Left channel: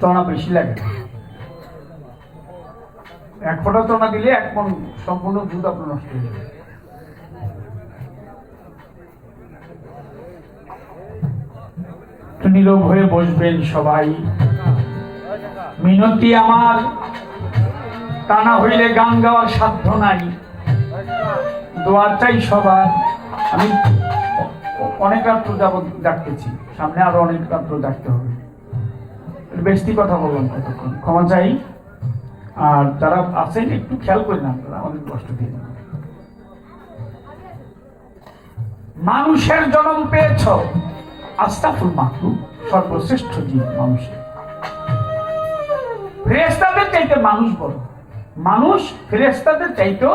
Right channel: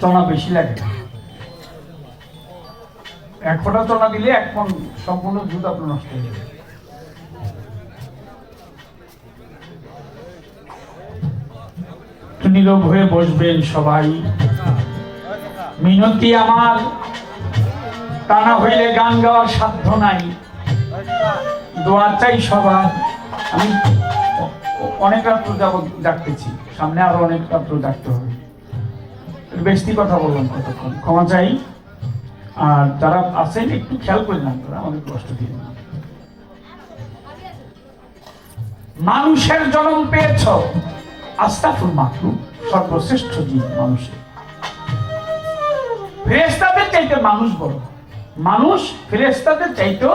চনা বেশি লাগে না। 1 ফোঁটা চনা দিলে 1 মণ সম্পূর্ণ দুধ আপনার নষ্ট হয়ে যাবে। নীরব হয়ে বসবেন সবাই। মিনতি আমার, তা না হইলে গান গাওয়ার সাধ্য নাই। দোয়া চাই সবার। আমি অনেক রাত্র যাবত ডাকতেছি, সামনে আরো অনেক রাত্র ডাকতে হবে। বেশি কথা বললাম, কতক্ষণ ক্ষমা চাই। আর যারা আছেন একটু খেয়াল করে না, তারা আমাদের কষ্ট দিয়ে না। মানুষের জন্ম পেয়েছ, আস্তাফুল মাখলুক, সর্বশ্রেষ্ঠ জীব মানুষের। ফেরেশতাদের চাইতে মানুষ বড়, মানুষ ফেরেশতাদের চাইতে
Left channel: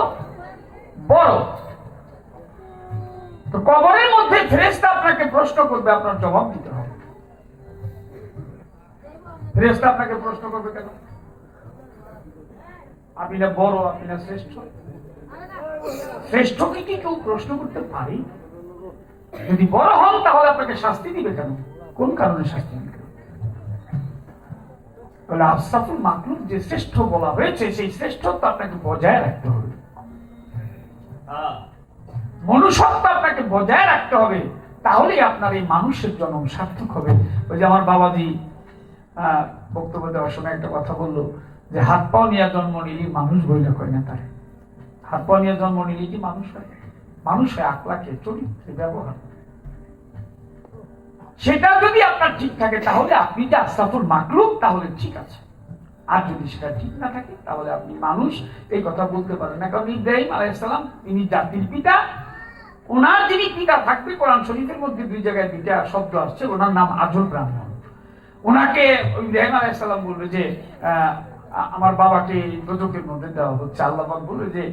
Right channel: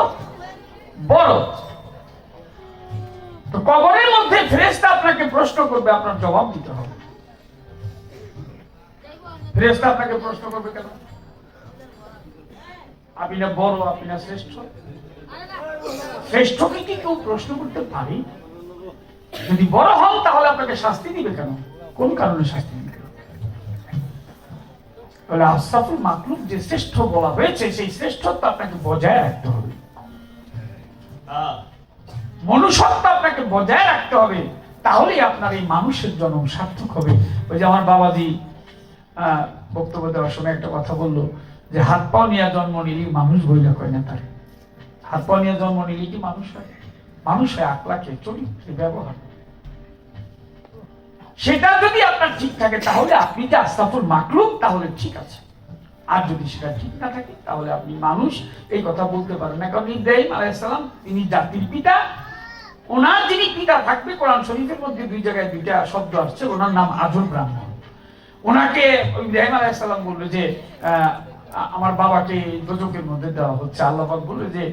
বড়। তো কবরের মধ্যে ফেরেশতা আপনাকে প্রশ্ন করবে, আপনার জবাব দিতে হবে। ফেরেশতা আপনাকে প্রশ্ন করবে কেন? আপনি না বড়, আপনি না শ্রেষ্ঠ? শ্রেষ্ঠকে কি কেউ প্রশ্ন করতে পারে? যদি বড় হন তাহলে আপনাকে শাস্তি দিবে কেন? কোন কারণে শাস্তি দিবে? তাহলে আশরাফুল মাখলুক যে শ্রেষ্ঠ বলা হয়েছে, সেই শ্রেষ্ঠত্ব আপনাকে বজায় রাখতে হবে। মনুষ্যত্ব আপনাকে বজায় রাখতে হবে, তাহলেই আপনার এই মানুষের জন্ম সার্থক হবে। ওই যে আমার বাবাজি বক্তব্য দেওয়ার সময় একটা কথা বললো যে হাত পাও নিয়ে জন্ম নিলি মানুষ বইলা কয় না। তার হাত পাও নিয়ে জন্ম নিলি কি মানুষ হয়? মানুষ হয় আকলাকে, চরিত্রে, ব্যবহার। সেটা যদি আপনার ঠিক থাকে তাহলে আপনি যে আশরাফুল মাখলুক তাহলে ঠিক আছে। আর যদি সেটা ঠিক না থাকে তাহলে আপনি মানুষ এই কথা বলতে পারেন না। কারণ ইব্রাহিম আলাইহিস সালাম তিনি জাতির পিতা। ওনার যিনি পিতা থাকবে, কোরআন শরীফের মধ্যে 2 জায়গায় 2টা শব্দ আসছে। ওনার নাম আজল ব্রাহ্মণ। ওনাকে ইব্রাহিম আলাইহিস সালাম বলবে যে আমার বাবাকে দোজখের মধ্যে দেওয়া হচ্ছে। আল্লাহ পাক বলবে যে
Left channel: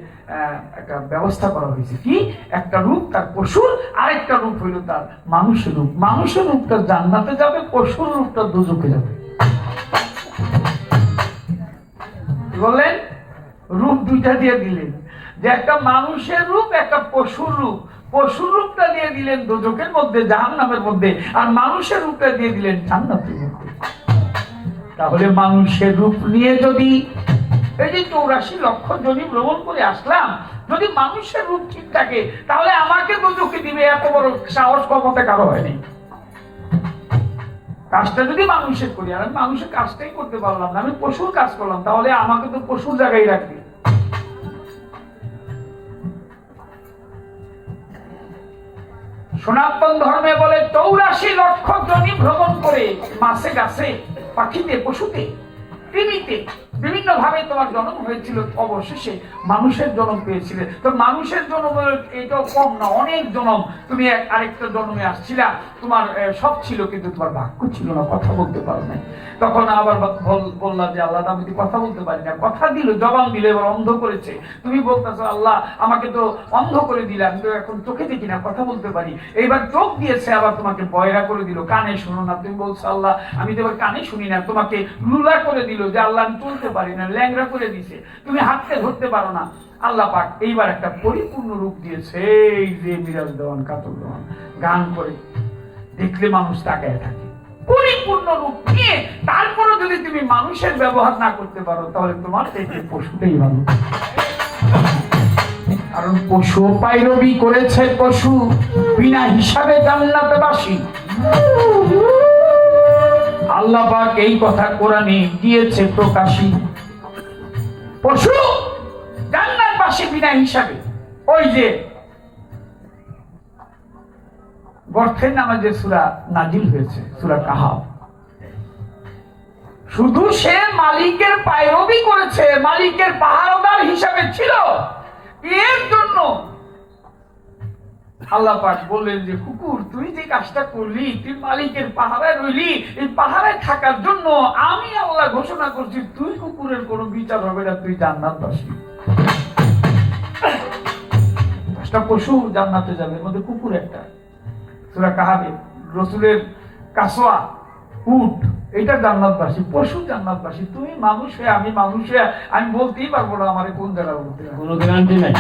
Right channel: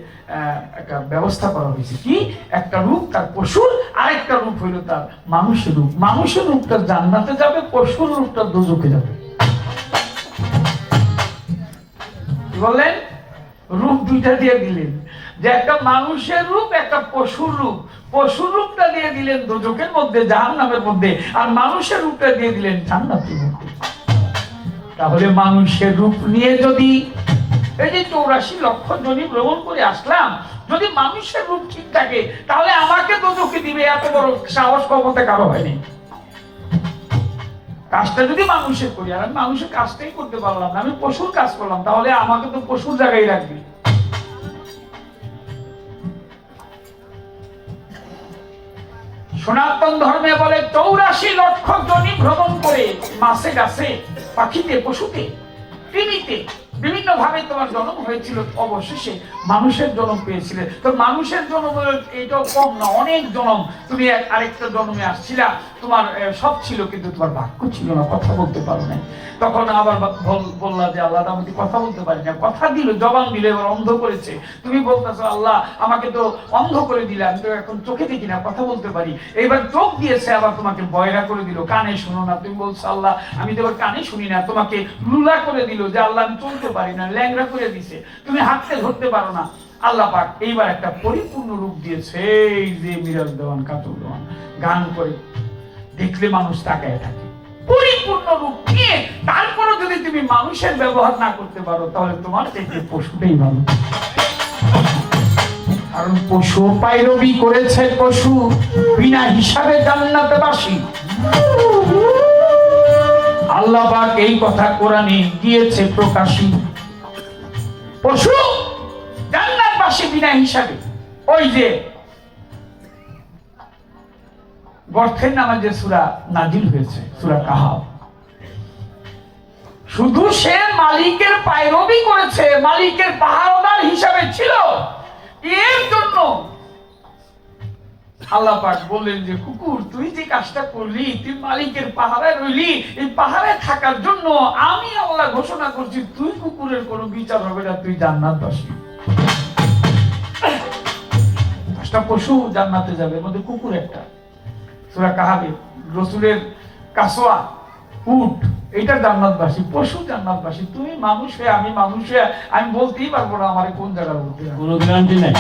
একটা ব্যবস্থা করা হয়েছে, কি একটা রূপ তার পশুর, আরেকটা রূপ হইল তার মানুষের রূপ। মানুষের রূপটা জান্নাতে যাবে, পশুর রূপটা দোজখে যাবে। কি বললেন? রূপ 2টা দিয়ে দিলেন, যে একটা মানুষের রূপ, একটা পশুর রূপ। পশুর রূপটা দিয়ে দিলেন দোজখের মধ্যে, জাহান্নামের মধ্যে, আর মানুষের রূপটা দিয়ে দিলেন জান্নাতের মধ্যে। তাহলে মানুষের রূপ নিয়ে যদি এই যে 84 লক্ষ জনি ভ্রমণ করে আসলাম, যদি মানুষের রূপ ঠিক থাকে তাহলে আমাকে দোজখে দিবে, এত বড় সাহস ক্ষমতা কারো হয়নি। কাজটা যদি মানুষের করি, আর আমি মানুষের কাজটাই করতে পারলাম না, আমি পশুর কাজ করলাম, তাহলে আমাকে তো পশুর জায়গায় রাখবে। সনাতন ধর্মে বলে 84 লক্ষ জনি ভ্রমণ করে মাছে গাছে পাখিতে পশুতে কৃমিতে বিভিন্ন ভাবে তোমার জন্ম হয়েছিল, অবশেষে মানুষের জন্ম পেয়েছিলে। তো মানুষের জন্ম এটাও কম না, অনেক জন্ম। তুমি আরেকটা জন্মে আসছিলা, তোমার সব ছিল কিন্তু তোমার বাক্য ছিল না, কথা বলতে পারো না। তখন আবার বললা যে আল্লাহ আমি কথা বলতে পারি না। কথা দিল, জবান দিল, এবার অন্ধ করেছে। তুমি বলতেছো আল্লাহ আমাকে তো অন্ধ করে দিলাম, তো এখন চোখে দেখি না, কথা বলতে পারি। এইবার চোখ দিয়েছে, আবার তোমাকে বয়রা করে দিল, কানে শোনো না। তুমি বলছো আল্লাহ আমি তো এবার কানে শুনি না, তোমাকে লুলা করে দিল, যে আল্লাহ আমি চলতে পারি না, ল্যাংড়া করে দিছে, তুমি হাঁটতে ধরতে পারো না। আল্লাহ পাক এইবার একটা পরিপূর্ণ রূপ দিয়েছে, এই যে মিরাজ দেওয়ান, কাতুল দেওয়ান গান করে দেখলে মানুষ তাকায় থাকে। পরিপূর্ণ রূপ নিয়ে তারপরে যদি তুমি মানুষের ব্যবহার না করতে পারো, তাহলে তোমার থেকে পশুটাই ভালো। কারণ পশু পাইরবি করেছে, পশু বিনা হিসাবে জান্নাতবাসী। আল্লাহ পাক এই কথা কোরআনে দিয়েছে প্রকাশী। পশু জান্নাতবাসী বিনা হিসাবে। ওই যে গর্থের নামে যে সূরা নাজিল হয়েছে, সূরা কাহাফ, শুধু সে মালিকের পায়রবি করেছে, মালিকের পাহারাদার হিসাবে ছিল, এর জন্য আল্লাহ পাক বললেন যে কুকুর তুই যে কাজটা করলি, তুই মালিকের পাহারায় রইলি, এই পাহারায় থাকার জন্য আমি আল্লাহ ঘোষণা করছি তুই কুকুরের কোনো বিচার হবে না, তুই জান্নাতবাসী। পাঁচটা পশু জান্নাতে যাবে, এর মধ্যে কুকুর একটা। সূরা কাহাফে রাসূলের কাসওয়া, উট, এটা জান্নাতবাসী। পশু জান্নাতবাসী। তুমি মানুষ হয়ে, আমি মানুষ হয়ে, আমি বলতেই পারবো না আমারে কোন জায়গা বলতে, কোনো গ্যারান্টি নাই,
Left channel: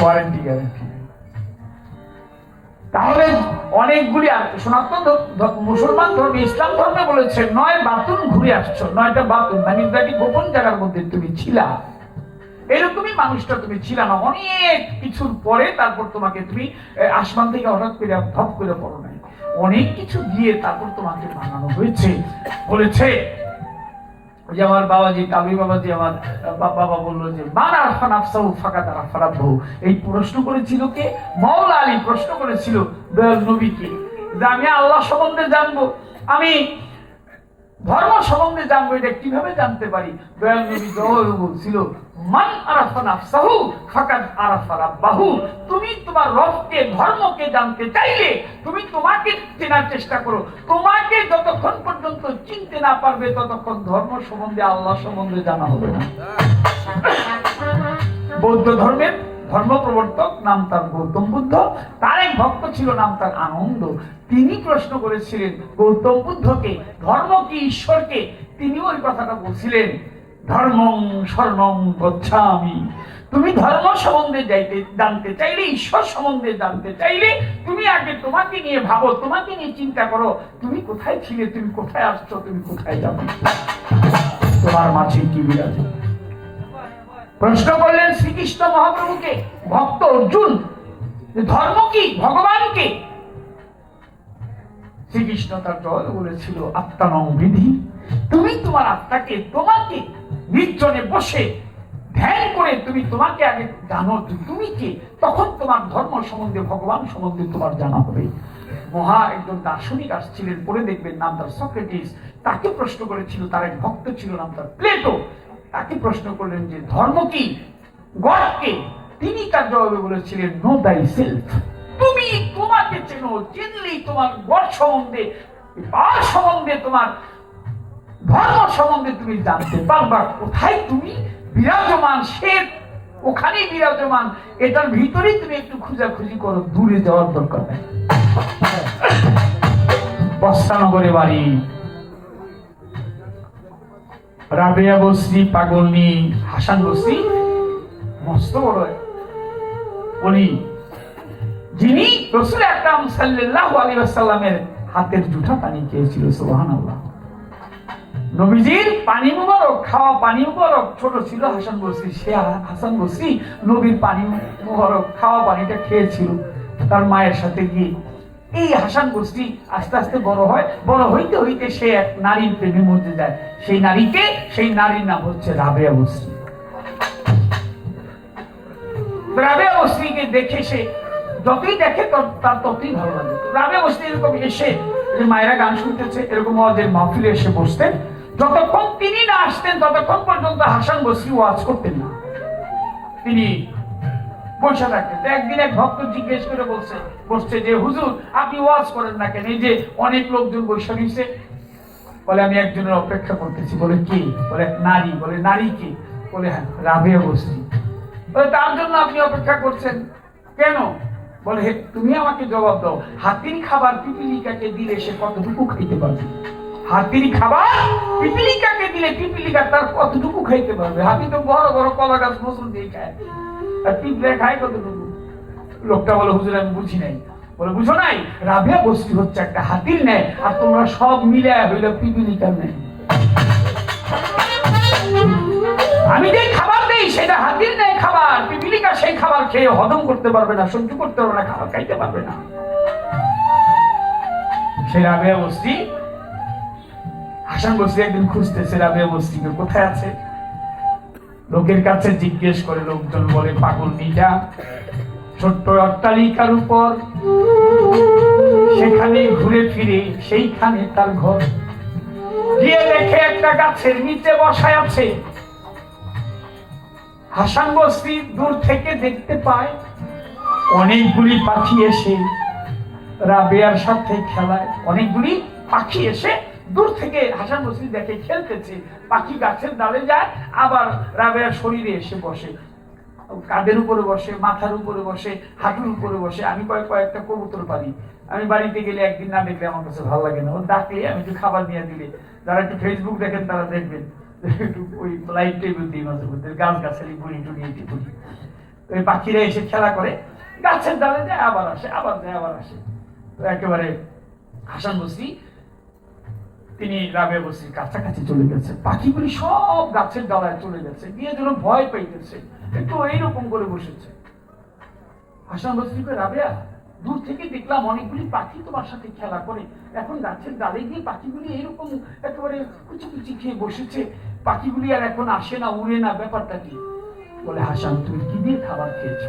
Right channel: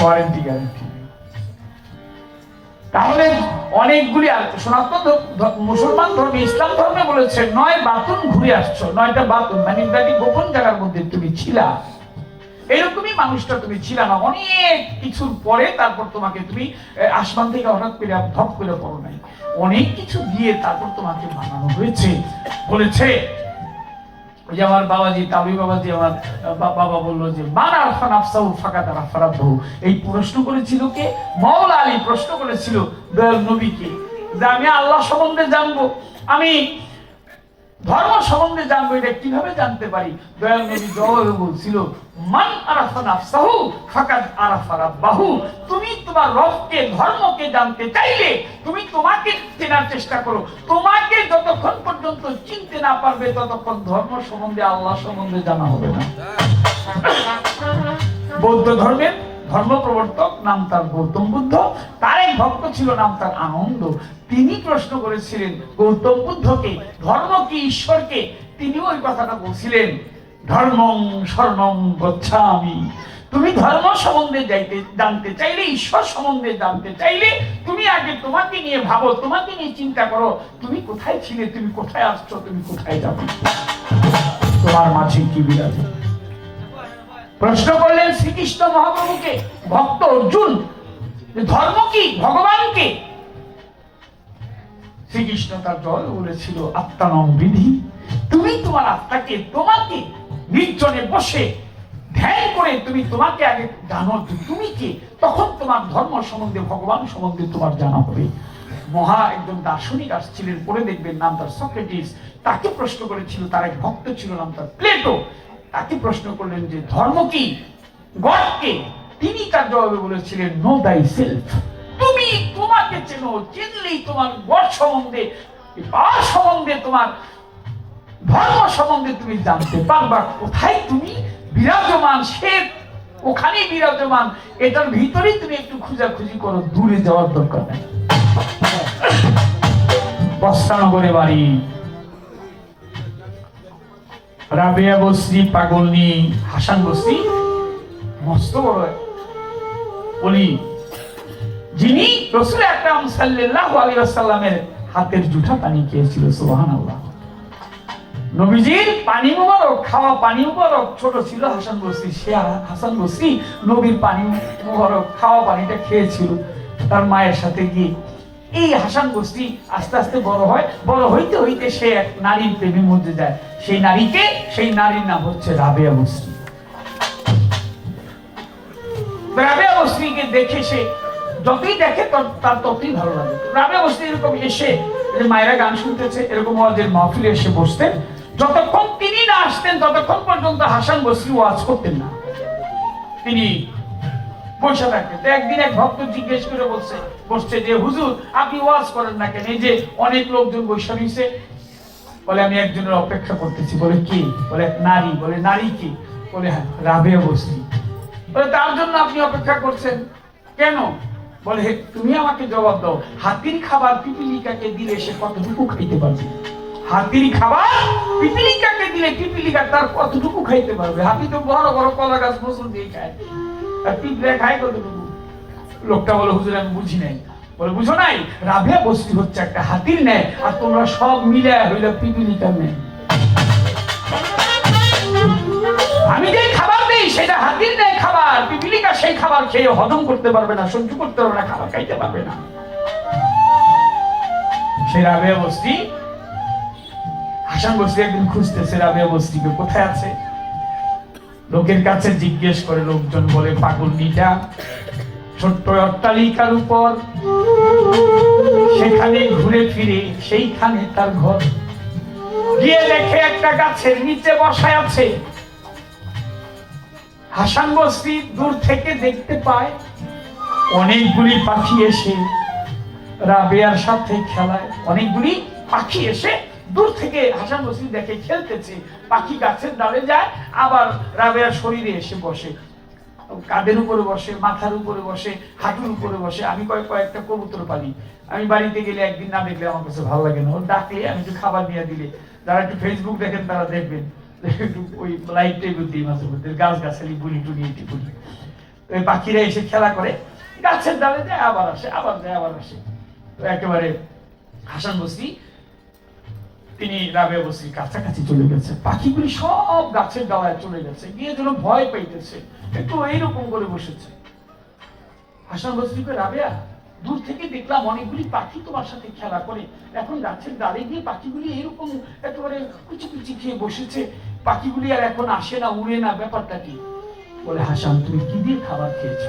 ওয়ারেন্টি গ্যারান্টি। তাহলে অনেকগুলি সনাতন মুসলমান ধর্মে, ইসলাম ধর্মে বলে বলেছে 9 বাতুন ঘুরে আসছো, 9টা বাতুন মানে গোপন জায়গার মধ্যে তুমি ছিলা। এরকমই মানুষটা তুমি ছিলা না, অনেক কিছুর পরে তারপর তোমাকে তুমি আসমান থেকে হঠাৎ করে ধপ করে পড়ো নাই, অনেক কিছু দিয়ে তারপর তোমাকে বানানো হয়েছে। বলেছে ওই যে আমার বাবাজি কাবি বাবাজি, আমার বাবা বললো যে মানার ফানাফসাউ ফাকাত আরাফারাব্বু। এই প্রশ্ন করেছিল কে? মাওলা আলী প্রশ্ন করেছিল দয়াল নবীকে যে আমি আল্লাহ সম্বন্ধে জানবো, আমি ধর্ম সম্বন্ধে জানবো, এটা কিভাবে জানতে পারি? দয়াল নবী জবাবে বলছিল মান আরাফা নাফসাহু ফাকাদ আরাফা রাব্বাহু। তুমি তোমার রবকে, ধর্মকে জানতে চাইলে তুমি তোমাকে চেনার চেষ্টা করো। তোমাকে যতক্ষণ পর্যন্ত চিনতে না পারবে ততক্ষণ ধর্ম সম্বন্ধে, আল্লাহ সম্বন্ধে জানা হবে না। বৌদ্ধ ধর্মের ধর্ম প্রবর্তক নাম তার গৌতম বুদ্ধ, তার এক ভক্ত ছিল নাম তার আনন্দ। তিনি প্রশ্ন করেছিলেন গৌতম বুদ্ধকে ধর্ম কি, ঈশ্বরকে। তিনিও ওই কথাটা বলছিলেন ধর্মং শরণং গচ্ছামি। তুমি ধর্ম সম্বন্ধে জানতে চাইলে, ঈশ্বর সম্বন্ধে জানতে চাইলে তুমি আগে তোমাকে নিয়ে ভাবো, তোমাকে নিয়ে চিন্তা করো, তুমি কোথায় ছিলে, তুমি কোথায় আসছো, তুমি কোথায় যাবে, তোমার মাঝে কি বিরাজে। প্রশ্ন করলেন শ্রীকৃষ্ণ মহাপ্রভুকে ভক্ত অর্জুন, ধর্ম কি, ভগবান কে? শ্রীকৃষ্ণ তার জয় বলেছিল আত্মানং বিধি। তুমি তোমার আত্মাকে, তোমাকে নির্জনে বসে ধ্যান করে তুমি তোমাকে আগে জানো তুমি কে, তখন তোমার ধর্ম সম্বন্ধে, ভগবান সম্বন্ধে তোমার জানা হবে। মহা একজন দার্শনিক আসছিলেন, পরে দেখবেন নাম তার সক্রেটিস। তাকে প্রশ্ন করেছিল, তার এক ভক্ত ছিল নাম তার প্লেটো। তাকে প্রশ্ন করলেন যে ধর্ম কি, গড কে? তিনি তার জবাবে বলেছিলেন নো দাই সেলফ। তুমি তোমাকে চেনো, চিনলেই তোমার গড সম্বন্ধে, পাওয়ার সম্বন্ধে, তোমার ধর্ম সম্বন্ধে তুমি জানতে পারবা। কোথায় তুমি বিরাজমান, সে ওখানেই বিরাজমান। এটার ভিতরেই তুমি একটু খোঁজাখুঁজি করো, দূরে যাওয়ার দরকার নেই। বস্ত্রানগরে বাড়ি, রাবেয়া বসরি পাগলনি হাসান বসরি মস্ত বড় বলি, যিনি রাসূল আকরাম সাল্লাল্লাহু আলাইহি ওয়াসাল্লামের হাতের জুঠা পানি খেয়েছিল। সুবহানাল্লাহ। নবীজির পানি মুবারক, খাওয়া পানি মুবারক ছোট ছিল হাসান বসরি, সে হাসান বসরি নবীর পানি মুবারক, খাওয়া পানিটা খেয়েছিল তার মায়ের সাথে গিয়ে। এই হাসান বসরি আস্তে আস্তে বড় হয়, বড় হইতে হইতে সে এক নারীর প্রেমে মধ্যে যায়। সেই নারীকে, সেই নারীর নাম হচ্ছে রাবেয়া বসরি। রাবেয়া বসরিকে দেখে সে যতই দেখে তার ততই ভালো লাগে। রাবেয়া বসরি এরকম এসে মায়েরা গান শুনতেছে, এরকম ওয়াজের মাহফিলে এসে বসতেন। যতক্ষণ তিনি না আসতেন ততক্ষণ পর্যন্ত হাসান বসরি ওয়াজ করতেন না, তিনি বসে থাকতেন। একদিন এক ভক্ত জিজ্ঞেস করে বসছে যে হুজুর আপনি ওয়াজ করেন না কেন? এই যে অনেক লোকজন বসে নিছে। বলে আমি একজনের অপেক্ষা করতেছি। বলে কি? বলে নারী। বলে নারী কি? বলে হ্যাঁ রাবেয়া বসরি। বলে তার জন্য আপনি অপেক্ষা করছেন কেন? বলে তুমি আমাকে জবাব দাও, হাতির খাবার পিপিলিকাকে দিলে সে কতটুকু খাইতে পারবে? হাতির খাবার পিপিলিকাকে দিলে পিপিলিকা তার কতটুকু খাইতে পারবে? হাতি তো বড় বড় কলা গাছ ফসল দিয়ে খায়, আর পিপিলিকা খায় কতটুকু? লোকটা বলে হুজুর আমি বুঝি নাই। বলে বুঝো নাই? রাবেয়া বসরি হচ্ছে একটা হাতির ন্যায়, আর তোমরা সব মিলে হইল পিপিলিকার ন্যায়। আমি যে খাবার দেই সেটা হাতির ন্যায় খাবার, পিপিলিকা সেই খাবার খেয়ে হজম করতে পারবে না, সহ্য করতে পারবে না, খাবার খাইতে পারবে না। সেই রাবেয়া বসরি, হাসান বসরি একদিন খুঁজতেছে রাবেয়া বসরিকে, কোথায় আছে? লোকের কাছে জিজ্ঞেস করে, লোকজন বলে পাগলনিটা ছোট্ট অট্টালিকার উপর, সেখানে ঘুরে ফিরে সেইখানে তার ঘর। গিয়ে দেখে একটা গাছের নিচে বসায় আছে। হাসান বসরি দূর থেকে দেখতে পায় অনেকগুলি পাখি এসে রাবেয়ার সাথে খেলায়। অনেকগুলি পাখি এসে দূর থেকে হাসান বসরি দেখে খেলতেছে। পাখি গাছের ডালে যায়, আবার রাবেয়ার শরীরে এসে বসে, কাঁধের উপরে বসে, মাথার উপরে বসে, হাঁটুর উপরে বসে। আমি কয়েকটা কবুতর পালি, আমি বাড়িতে গেলে একদিন না দেখলে আমার কাছে ভালো লাগে না। ও ডাকলে আমি একটু খাবার নিয়ে দিলে, যারা একটু ফেসবুক দেখেন তারা দেখবেন একটু ওই লাইভ টেবিল দিই মাঝে মধ্যে, গাছ গাছালি বুড়ি টুড়ি এটি বুড়ি, ওই পাখিরা এসে খেলা করে, গাছের ডালে যায় আবার আসে, আবার যায় আবার আসে। তো একেবারে হাসান বসরি তিনি রাবেয়া বসরির কাছাকাছি চলে গেছে, পাখিগুলি সব গাছের ডালায় চলে গেছে, গিয়ে যেন ভয় পাইতেছে, একটু এইরকম করে বসেছে। হাসান বসরি কয়, রাবেয়া, দূর থেকে দেখলাম অনেকগুলি পাখি তোমার সাথে খেলা করে, এখন গাছের ডালে গিয়ে পাখিগুলি এইরকম একেবারে কুচি কুচি খেয়ে বসেছে, পাখিগুলি আর এখন আসে না, উড়ে না, ব্যাপারটা কি? বলে, হাসান, তুমি কি দিয়ে খাবার খেয়েছ?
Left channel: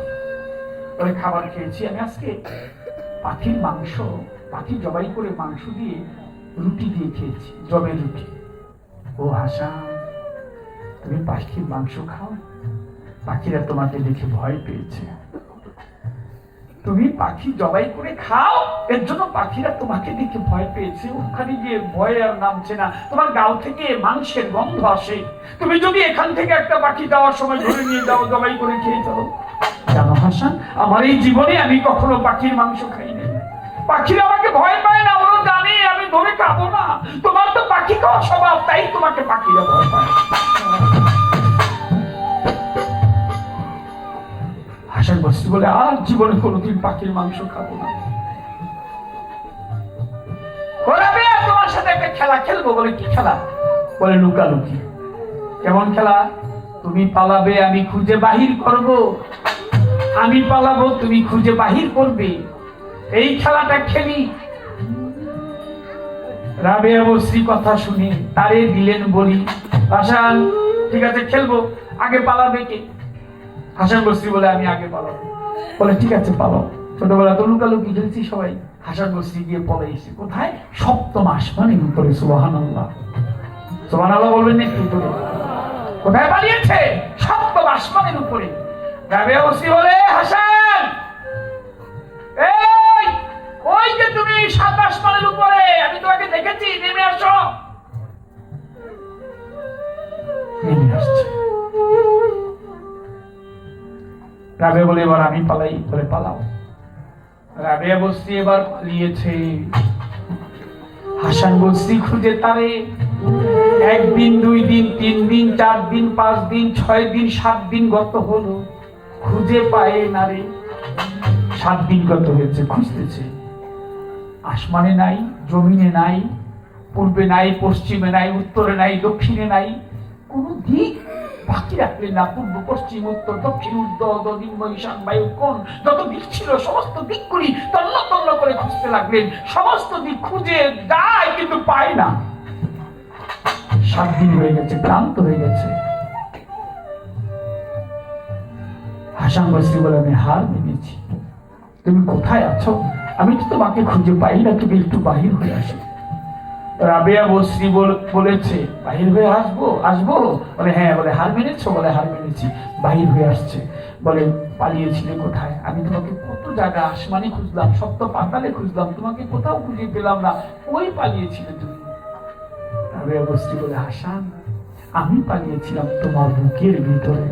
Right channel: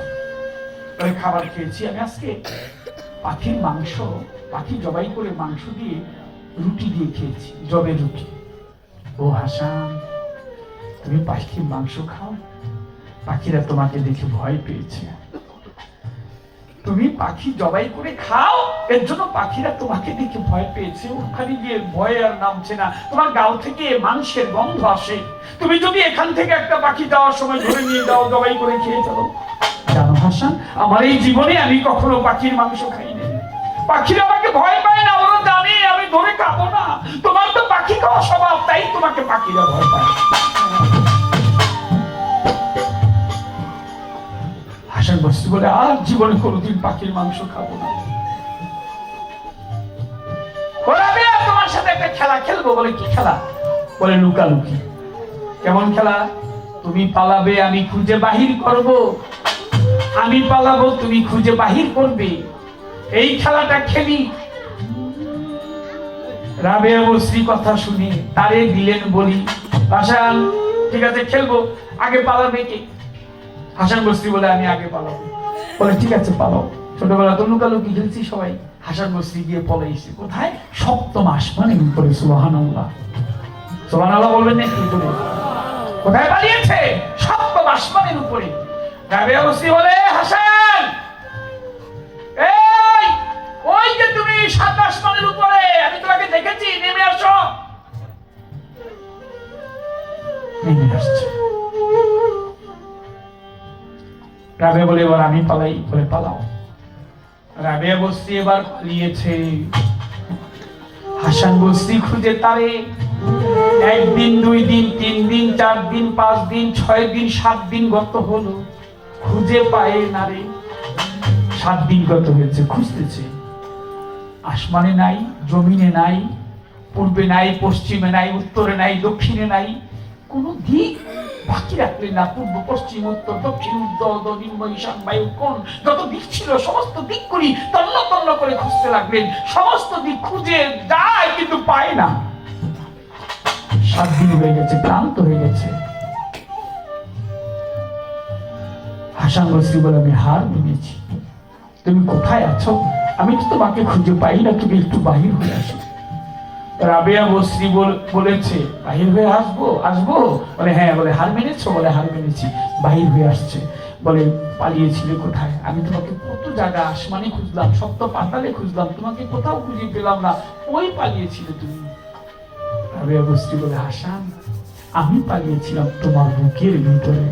বলে, খাবার খেয়েছি আমি আজকে পাখির মাংস, পাখি জবাই করে মাংস দিয়ে রুটি দিয়ে খেয়েছি, জবের রুটি। ও হাসান, তুমি পাখির মাংস খাও? পাখিরা তোমাকে দেখে ভয় পেয়েছে। তুমি পাখি জবাই করে খাও, এর জন্য পাখিরা তোমাকে দেখে ভয় পেয়েছে, ওখানে গিয়ে ভয় আর নামছে না, তোমার গাল থেকে মাংসের গন্ধ আসে। তুমি যদি এখান থেকে একটা পাখি যাওয়ার সময় ধরে নিয়ে যাও, জবাই করে খেয়ে চলো। জানো হাসান, আমার এই জীবনে আমি কখনো পাখির মাংস খাইনি। পাখিরা আমাকে ভয় পায় না, ওরা জানে আমি ধরে খাবো না। তোমার তো পাখি খাওয়া স্বভাব, তাই তোমাকে পাখিরা ভয় পায়। হাসান বসরি বলে, আর জীবনে কোনোদিন পাখির মাংস খাবো না। তোমার সাথে একটা খেলা খেলবো। বলে, কি খেলা? বলে, লুকালুকি। কেমন খেলা? তুমি পালাবে, আমি খুঁজে বাহির করব, আমি পালাবো, তুমি খুঁজে বাহির করবে, এই খেলাটা খেলি। রাবেয়া বসরি কথা শুনে তারে দিলেন বলি, হাসান, ঠিক আছে খেলবো, আগে পালাবে কে? হাসান বসরি বলে, আমি আগে পালাবো। বলে, ঠিক আছে পালাও। ছোটবেলা তো লুকালুকি খেলছি সবাই। হাসান বসরি গিয়ে পলাইছে কোথায়? সপ্তম আসমানের উপরে। সুবহানাল্লাহ, সুবহানাল্লাহ বলবেন না কি করে? কোথায় পালিয়েছে? সপ্তম আসমানের উপরে। রাবেয়া বসরি বলে, হাসান, এই ওই যে তুমি 7 আসমানের উপরে, আমি তোমাকে দেখেছি, নেমে আসো। নেমে আসছে। রাবেয়া বলে, এবার আমি পালাই। বলে, পালাও। রাবেয়া বসরি এবার পালিয়েছে। হাসান বসরি খুঁজে তারে 1 দিন 2 দিন 3 দিন 4 দিন 5 দিন 6 দিন 7 দিন গত হলো, খুঁজে পায় না রে। 7 দিন গত হয়েছে, খুঁজতেছে, আসমানে নাই, জমিনে নাই, পূর্বে নাই, পশ্চিমে নাই, উত্তরে নাই, দক্ষিণে নাই, কোন দিক বাকি রাখলেন না। পূর্ব, পশ্চিম, উত্তর, দক্ষিণ, উত্তর, নিম্ন, ঈশান, বায়ু, কোণ, যত দিক ছিল সমস্ত দিকগুলি তন্ন তন্ন করে খুঁজতে লাগলেন। সমস্ত দিক খুঁজে যায় কিন্তু পায় না। 7 দিন হয়ে গেছে, ক্লান্ত হয়ে গেছে। হাসান বসরি বলে, আমি হার মেনেছি, তুমি কোথায় আছো? আমি তো তোমাকে খুঁজে পাই না, তুমি একটু বাহির হয়ে আসো। রাবেয়া বসরি বলেছে, বাহির হয়ে আসবো? বলে, হ্যাঁ। বলে, হার মেনেছো? বলে, হার মেনেছি। বাহির হয়ে আসছে। বলে, পালিয়েছিলে কোথায়? আমি তোমাকে কত জায়গা আসমানে খুঁজলাম, সপ্ত পাতালে খুঁজলাম, তোমাকে কোথাও খুঁজে পেলাম না, ওই পালিয়েছিলে তুমি। রাবেয়া বসরি বলে, হাসান, আমি পালিয়েছিলাম তোমার বুকের ভিতরে।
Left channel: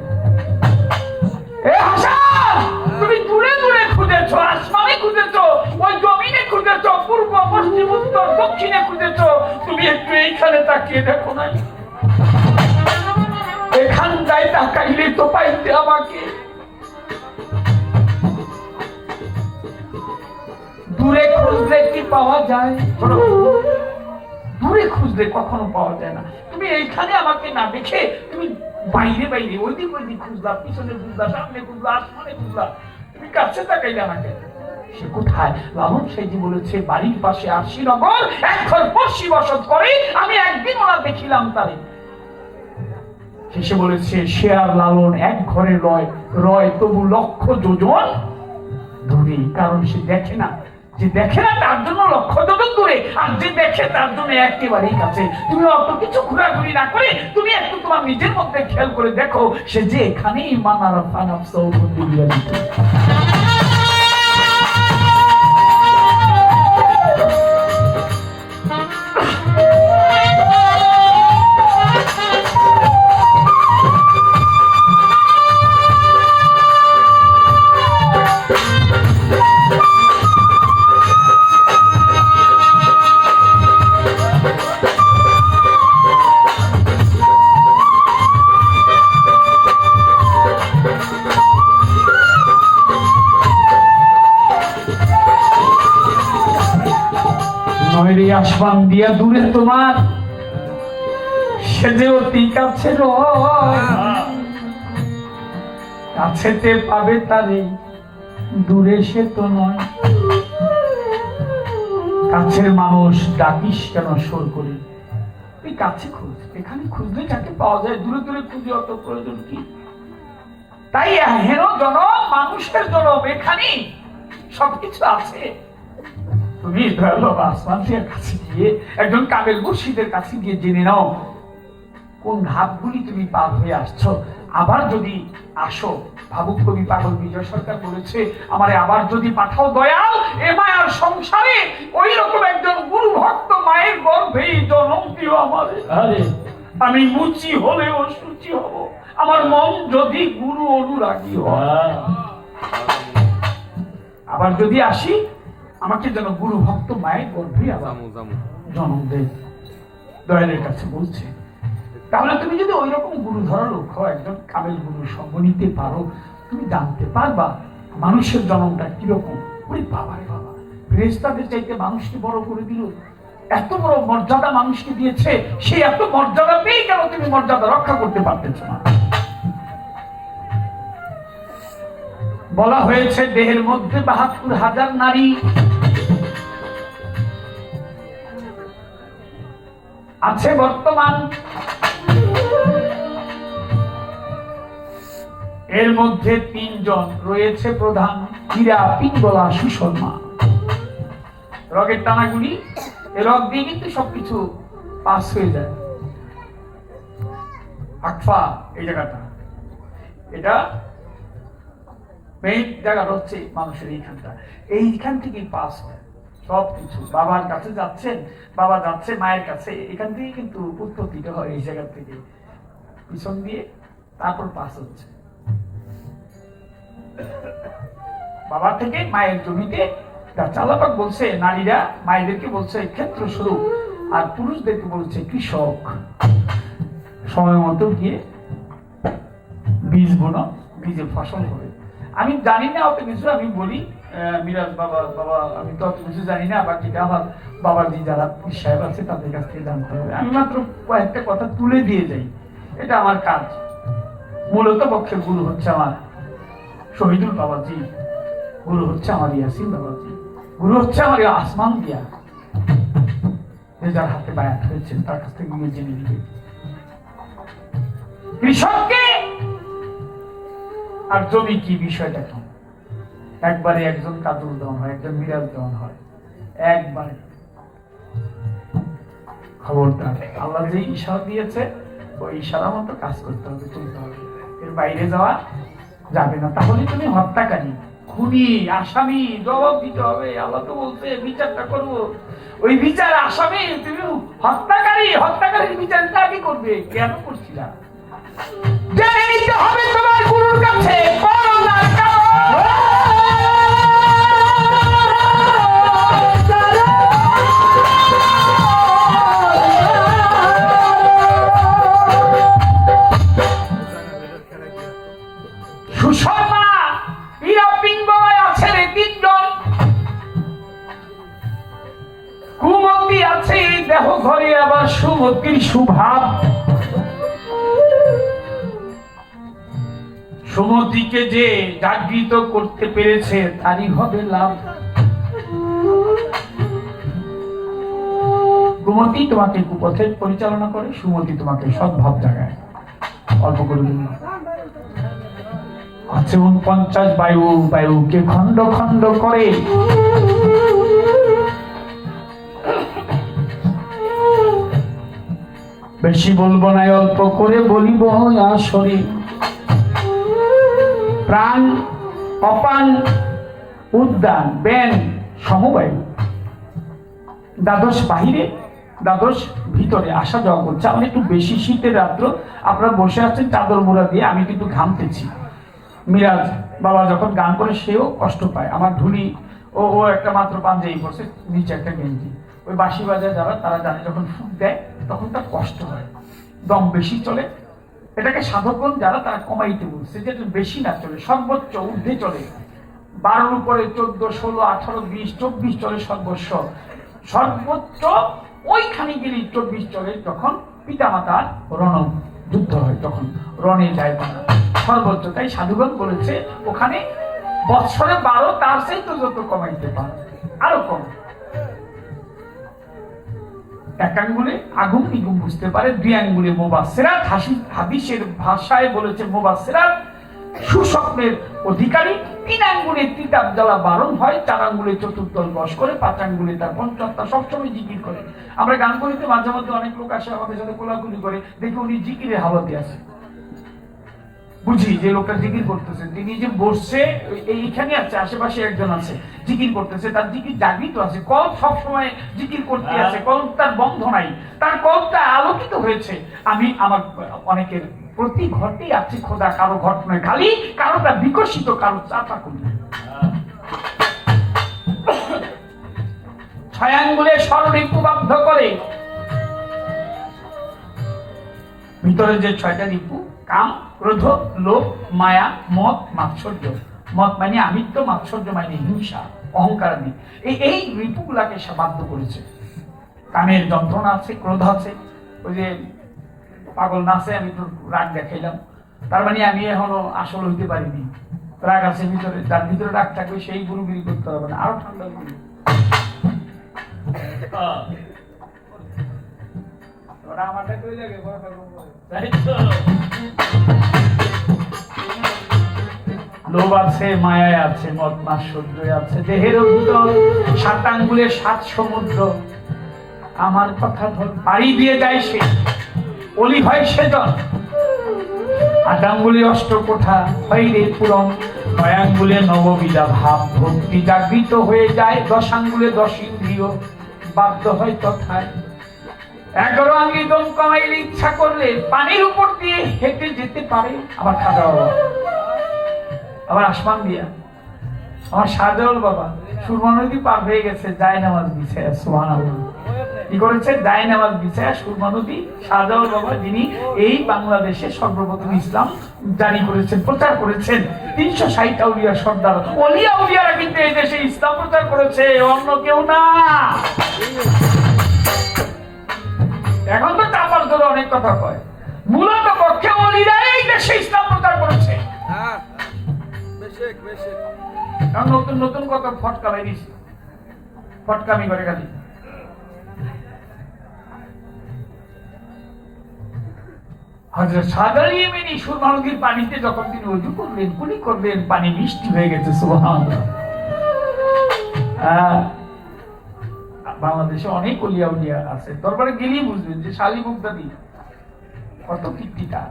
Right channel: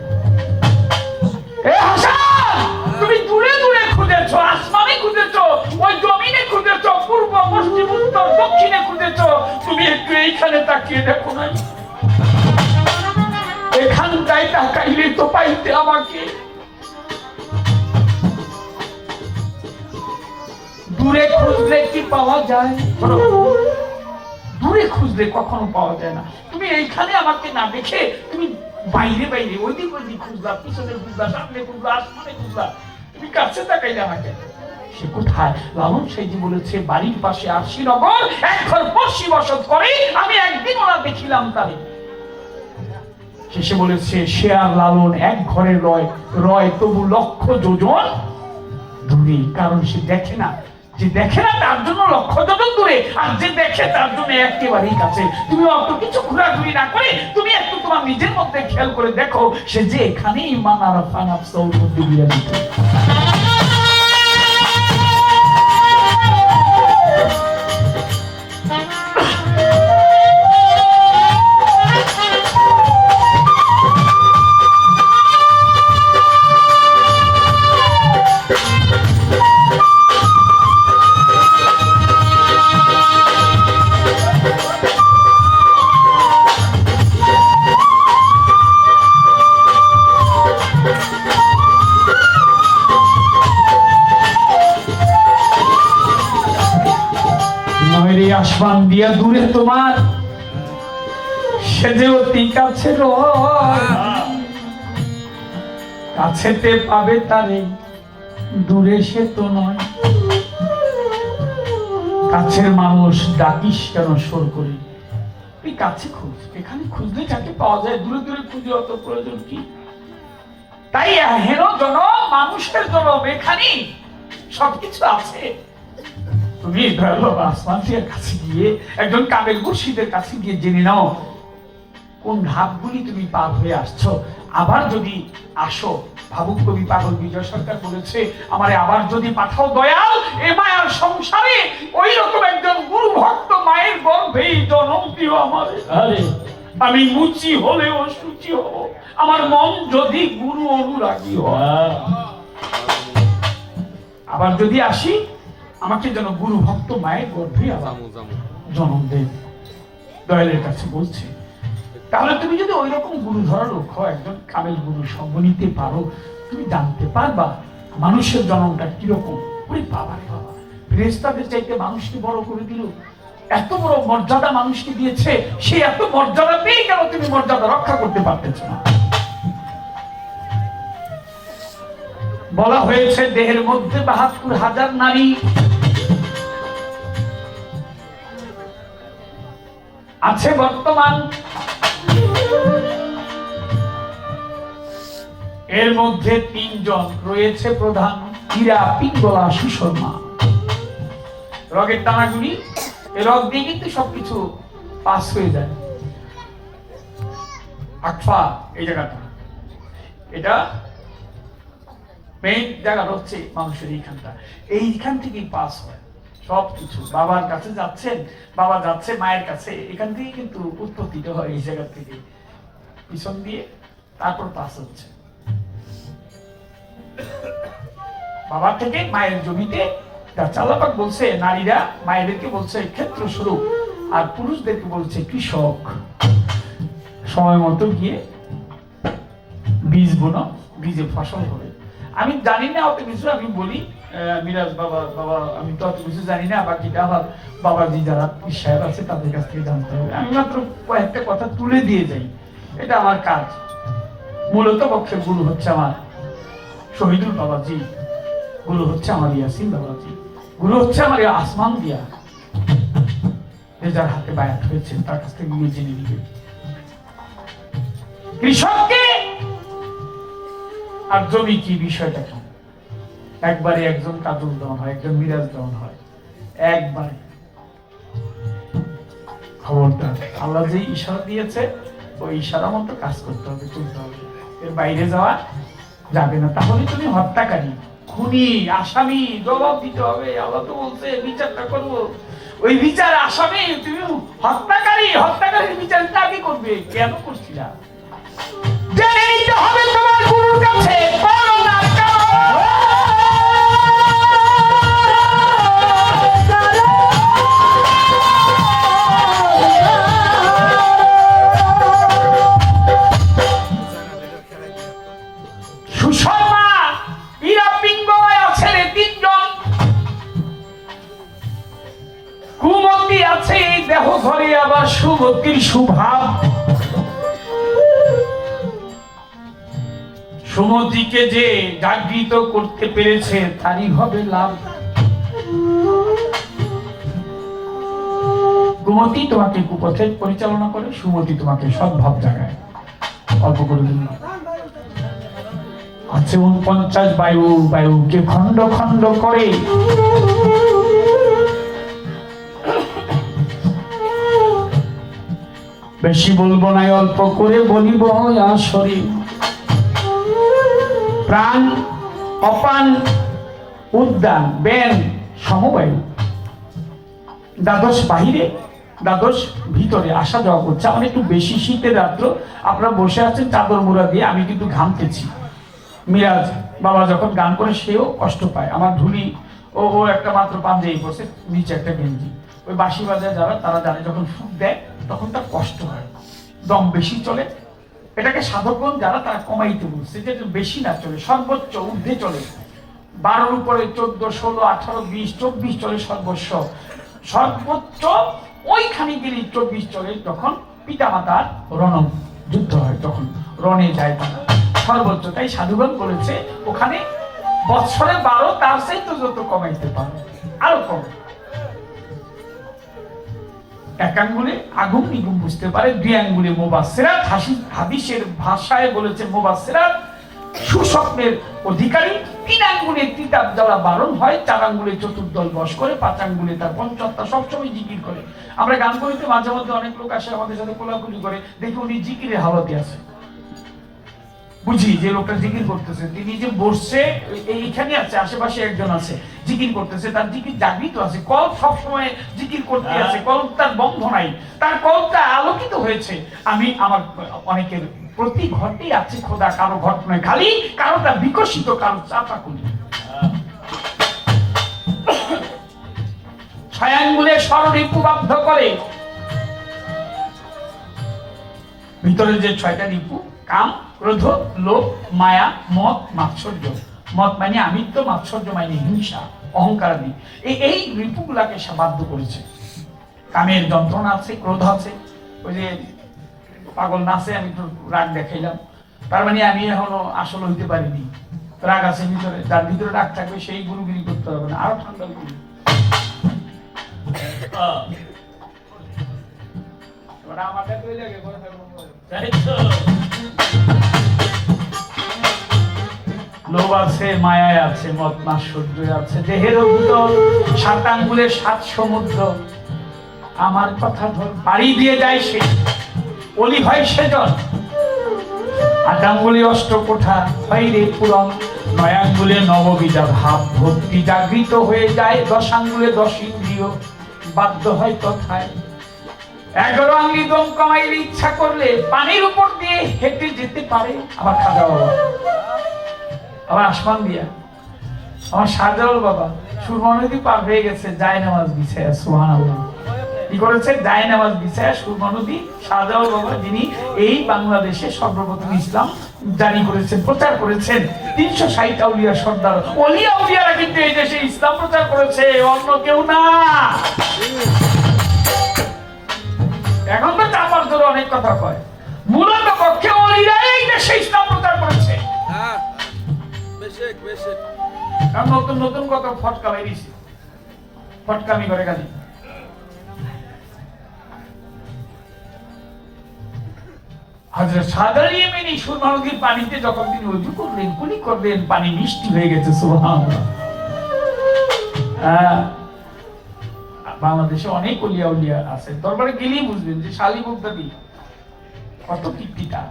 তুমি দূরে দূরে খুঁজেছো, আসমানে খুঁজেছো, ওই জমিনে খুঁজেছো, পূর্ব, পশ্চিম, উত্তর, দক্ষিণে খুঁজেছো, তুমি একটু এইখানে তাকিয়ে দেখো নাই? এখানটায় তাকাইলে তো পাইতে আমাকে। দূরে খুঁজলে কি পাওয়া যায়? দূরে খুঁজলে কখনো পাওয়া যায় না। তুমি এইখানে আমাকে না দেখে তুমি বাইরে বাইরে ওই দিক খুঁজলা, পিছনে খুঁজলা, সামনে খুঁজলা, আসমানে খুঁজলা, তুমি কাছে তাকাইলা না কেন? সে কোথায়? লালন সাইজি বলেছে, বাড়ির পাশে আরশিনগর এক ঘর পড়শি বসত করে, আমি একদিন ওরা দেখিলাম তারে। শেষে বলেছে, সে আর লালন এক ঘরে রয় তবু লক্ষ যোজন দূরে। কারণ সে দেখে না, যে দেখে না তার জন্য লক্ষ যোজন দূরে, আর যে দেখে তার জন্য একেবারেই কাছে। তুমি অত কিছু ঘোরাঘুরি না করে তুমি একটু তোমার নিজের মধ্যে খেয়াল করে দেখো, সে যে এখানেই মানার ফানাফসল মধ্যে বিরাজিত। আসমান দিয়া দূরে তোমার সে যে অতি কাছে কাছেতে পাবে তারে, দূরে সে তো নয়। কাছের মানুষ ডাকিস কেন সুর করে? তুই কাছে খুঁজ, এখানে খুঁজলে যাকে পাওয়া যায়, দূরে দূরে খুঁজে অত প্রয়োজন কি? তাই হেন জনম, মানুষের জনম, এখানে সবকিছু আছে। তুমি আসমানের কাছে গিয়ে, একজন কামেল মুর্শিদের কাছে গিয়ে জেনে নাও কোন ধাপগুলি তুমি পার হয়ে আসছো। আবার যদি আসো, ভাবুক কবি পাগল বিজয় সরকার বলেছে, আমারে আবার যদি পাঠাও দয়াল এ মায়ার সংসারে, ওই রকম একজন গুরু ভক্ত মায়ের গর্ভেই জন্ম দিও আমারে। আরে আমি মুচি হলেও সুচি হব, আমার মন যদি গুরু অনুরাগী হয়। আবার যদি আসি, আমাকে যেন গুরু ভক্ত মায়ের গর্ভে আবার জন্ম দেয়, দয়ালের কাছে বলছে। তাহলে তুমি যদি ওই রকম গুরু ধরা লোক হও, একজন কামেল গুরু সঙ্গ নিতে পারো, তুমি জানতে পারবা মানুষের জন্মটা কিরকম। ওই বাবা রে বাবা, ফেরেশতাদের চাইতে মানুষকে বড় করে দিল, এত বড় মর্যাদা মানুষকে দিয়েছে, সে এত মর্যাদা পেয়ে কেন তুমি মর্যাদা রক্ষা করতে পারতেছ না? বলা হয়েছে দেহের মধ্যে ৭২,০০০ নারী আছে বর্তমান, এর মধ্যে ৩ জন রয়েছে প্রধান, হীরা, পিঙ্গলা, সুশর্মা। রগের টানাগুলি, এই রগ দিয়ে কিন্তু সবকিছু পাস হয়ে যায়। আকফা এই জায়গাটা, এটা মেইন জায়গা হচ্ছে মানুষের এইখানটা, এইখান থেকেই পাস হয় সবকিছু। বাবার কাছে যাচ্ছেন, বাবা যাচ্ছে মায়ের কাছে, এখান থেকে কিন্তু উৎপত্তিটা হয় এই জায়গা থেকে, পিছন দিয়ে তারপর পাস হচ্ছে বাবার থেকে মায়ের জমিতে। আল্লাহ বলছে নারীরা মায়েদেরকে বলছে ক্ষেত্র স্বরূপ, আর পুরুষদেরকে বলছে কৃষক। সময় মতো গিয়ে বীজ বুনো, বীজে ফসল হবে। আমি জানি না অত কিছু, আমি বলি মিরাজ বাবা আমি তো অত কিছু জানি না, বাকিটা আমার বাবাজি যারা সাহেব আছে তাদের কাছ থেকে জানতে হবে। আমি মাত্র কয়েকটা কথা তুলে দিয়ে যাই, এটা আমার কাজ। মূলত পক্ষে গুরু হচ্ছে আমার শহীদুল বাবাজি, গুরু হচ্ছে আমার ইয়াসিন বাবাজি, গুরু হচ্ছে আমার আসমান দিয়া, যার হাতে বায়াত হয়েছে তার কাছ থেকে গিয়ে জেনে নিবে। কৃষককে আর জমি কি বিষয়টা কেন? একবারে একজন কাজল দেওয়ান হয়, একজন মিরাজ দেওয়ান হয়, একবারে। খবরদার, আল্লাহ যে ইশারা দিয়েছে ওই ইশারা মতো কাজ করতে হবে, চলতে হবে, এর বাইরে যাওয়া যাবে না। তাহলে তুমি হত্যাকারী, খুনি, আসামি, জবাব দিতে হবে। আল্লাহ তো বলছে বিচারটা করবো, ওই বিচার আসামি, তুমি হত্যাকারী, হত্যাকারীর বিচার কাকে করবে? কেন করছিলা? জেনে নিতে হবে তোমার গুরুর কাছে করোনার কারণ। সুশর্মা, হীরা, পিঙ্গল আছে রে ৩ জন, কুমতি আছে দেহ ঘরে, আবার সুমতির সুভাব। সুমতিকে যে জাগৃত করতে পেরেছে তারই হবে লাভ। কুমতি তোমাকে কুপথে পরিচালনা করে, সুমতি তোমাকে সদ্ভাব জাগায়। অল্প করে দিন আছে ৪৯ বায়ু, বায়ুকে খণ্ড খণ্ড করে। বেশি বলবো না, অল্প করে বলিব আসরে। প্রাণ, অপান, উদ্যান, বেন, সমবায়ু, দ্বাদশ বাহিরে, দ্বাদশ ভিতরে আসা যাওয়া করছে। আমার একটু বেশি শীতের রাত্র, আপনারা বসে আছেন চাদর মুড়া দিয়ে, আমি কিন্তু ঘামতেছি। মিরাজ বাবা যখন গান করে সেও কষ্ট পায়। আমার ধুলি ও একটা মাত্র পাঞ্জাবি পড়ছে, নিচে একটা গেঞ্জি। ওই বাঁশি বাজায় যারা তারা জানে, যখন ফুক দেয় তখন তার কষ্ট হয়, দম বেশি চলে। এটাকে সাধকগণ যারা তারা কমাইতে বলছে, যেটা বেশি না চলে, সর্বোচ্চ ঊর্ধ্বে চলে। 12-র উপরে 14, 16, 18, 20, 24 চলে সর্বস্ব। সর্বোচ্চ ওইখানে গেলে 24 চলে, তখন পিতামাতার রণ যুদ্ধ হয়, তখন রণে যায় তারা সর্বোচ্চ। তাই সাধুগণ বলেছে ওখানে বৎসরে 12, তার সেই তো যত কমাইতে পারো আরো কম। এক আঙ্গুলে আগুন নিগুম বুঝতে পারে, 2 আঙ্গুলে মুবাসসিরাত, হাদিসের ভাষায় বলেছে মুবাসসিরাত সুস্বপ্নের অধিকারী, 3 আঙ্গুলে তিতাব জ্বালা বারণ হয়, 4 আঙ্গুলে চতুর্দল বশ করে, 5 আঙ্গুলে তার পঞ্চাত্তা সবসময় জিকির করে। আমরা গান করিতে মাঝে মধ্যে অনেক লোক আসে আমাদের সাথে কোলাকুলি করে, দেখি উনি জিকিরের হালতে আছে, বুঝি যে লোকটা জিকির করতেছে, তিনি যে বসছে এইখানে আছে, আশেপাশে একজন আছে জিকির করতেছে, তার জিকির জাগৃত আছে, কল্প সবসময় জিকির করতে আছে, কল্প তার বন্ধ নাই, তার কল্পটা আলোকিত হয়েছে। আমি আমার অনেকের প্রতি ঘটেই আছে খোদা, কারো ঘট নয়, খালি কারোটা বিকশিত, কারো চাপা করি। 6 আঙ্গুলে স্বরলিপিবদ্ধ করে, ভিতরে যে 6টা রিপু, কাম, ক্রোধ, লোভ, মায়া, মদ, মাৎসর্য। মদ মানে আমিত্ব, মাৎসর্য মানে হিংসা, অহংকার আদি। এই রিপুগুলাকে সে বাধ্য করেছে। কামের যন্ত্রণা আছে, ক্রোধ আছে, ওই যে পাগল নাচে, আমি তো রাগ দেখাইলাম, তার মানে আমি এখনো আসল হইতে পারিনি, রাগ আছে ভিতরে, যার ভিতরে রাগ থাকবে সেই গুরুগিরি করতে হবে না, আরো ঠান্ডা গুরু। আমারটা কই লাগে বড় থাকবো, তাই তো লোভ আছে, মায়ায় আছে, মদ মাৎসর্য আছে, দেহের ভিতর 7 আঙ্গুলে 7 সমুদ্র। আমার কথা ধর পাড়ি দিয়ে যায় সে, অলি হয় সেজন। 8 আঙ্গুলে 8 কোঠা হয় রে পূরণ, 9 আঙ্গুলে নববিধা ভাব ভক্তি জাগৃত হয়ে যায়, 10 আঙ্গুলে 10 ইন্দ্রিয় বাধ্য হয় তথায়। 11 আঙ্গুলি দম কমাইলে ইচ্ছা করলে পানির উপর দিয়ে হেঁটে যেতে পারে। আবার খাজা বাবা, আবার আসমান দিয়া, আমার শাহজালাল বাবা সুরমা নদী পার হয়ে গেছে, যায় নামাজ বিছায়া, সুবহানাল্লাহ। কি করেছে? যায় নামাজ বিছায়া সুরমা নদী। শাহজালাল বাবা, যিনি এই বাংলাদেশে সর্বপ্রথম ইসলাম জারি করেছেন, প্রচার করেছেন, 360 আউলিয়া সর্দার, ওলিয়া উলিয়ারা কিন্তু এই দেশে ইসলাম প্রচার করেছে, অন্য কেউ না। এখন তো চাপার জোরে অনেক কথা কয়, মূলত পক্ষে ওলিরাই এই দেশে ইসলাম প্রচার করেছে। নতুন নতুন কত ফটকা বেরিয়েছে, ফটকামি করে খালি। হযরত শাহজালাল ইয়ামানি সুরমা নদীর পানিতে যখন তিনি ওযু করলেন, কুলি করলেন, পানি মিষ্টি হয়ে গেছে, সুবহানাল্লাহ। বাংলাদেশে অনেক ওলিয়া উলিয়া আছে, দরবারে গেলেই বুঝবেন যে শালি মুক্তাদি কত কীর্তিটা।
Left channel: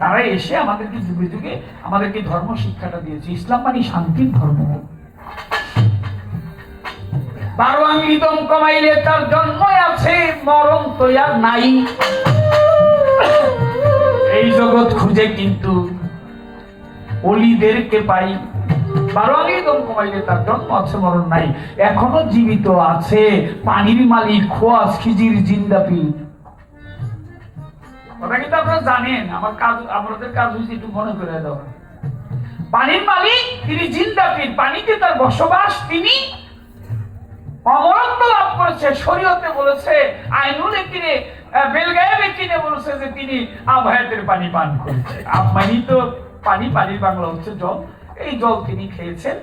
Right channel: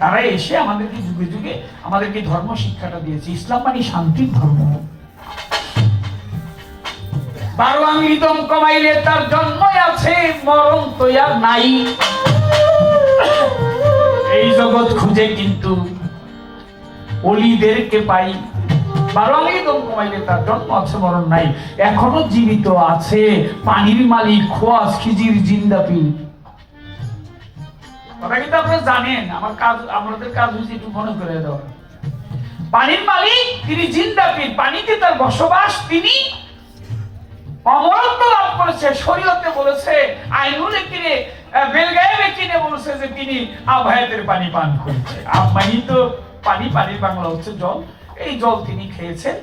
তারা এসে আমাদেরকে যুগে যুগে আমাদেরকে ধর্ম শিক্ষাটা দিয়েছে। ইসলাম মানে শান্তির ধর্ম। 12 আঙ্গুলি দম কমাইলে তার জন্ম আছে, মরণ তো আর নাই। এই জগৎ খুঁজে কিন্তু অলিদেরকে পাই। 12 আঙ্গুলি দম কমাইলে তার জন্ম আছে, মরণ নাই। এখনো জীবিত আছে পানির মালিক খোয়াজ খিজির জিন্দাপি। কথা কিন্তু আপনারা জানেন, আমার কাজ, আমাদের কাজ হচ্ছে একটু মনে করে দেওয়া। পানির মালিক তিনি জিন্দাপীর, পানিতে তার বসবাস, তিনি অমরত্ব লাভ করেছে। শরীয়তে বলেছে, আইনুল কিনে বেলগায়ে কিনে বলেছে যে তিনি আবহায়াতের পানি পান করেছে। আব মানে তো পানি, পানির বাংলা হচ্ছে জল। এই জল তিনি খেয়েছেন,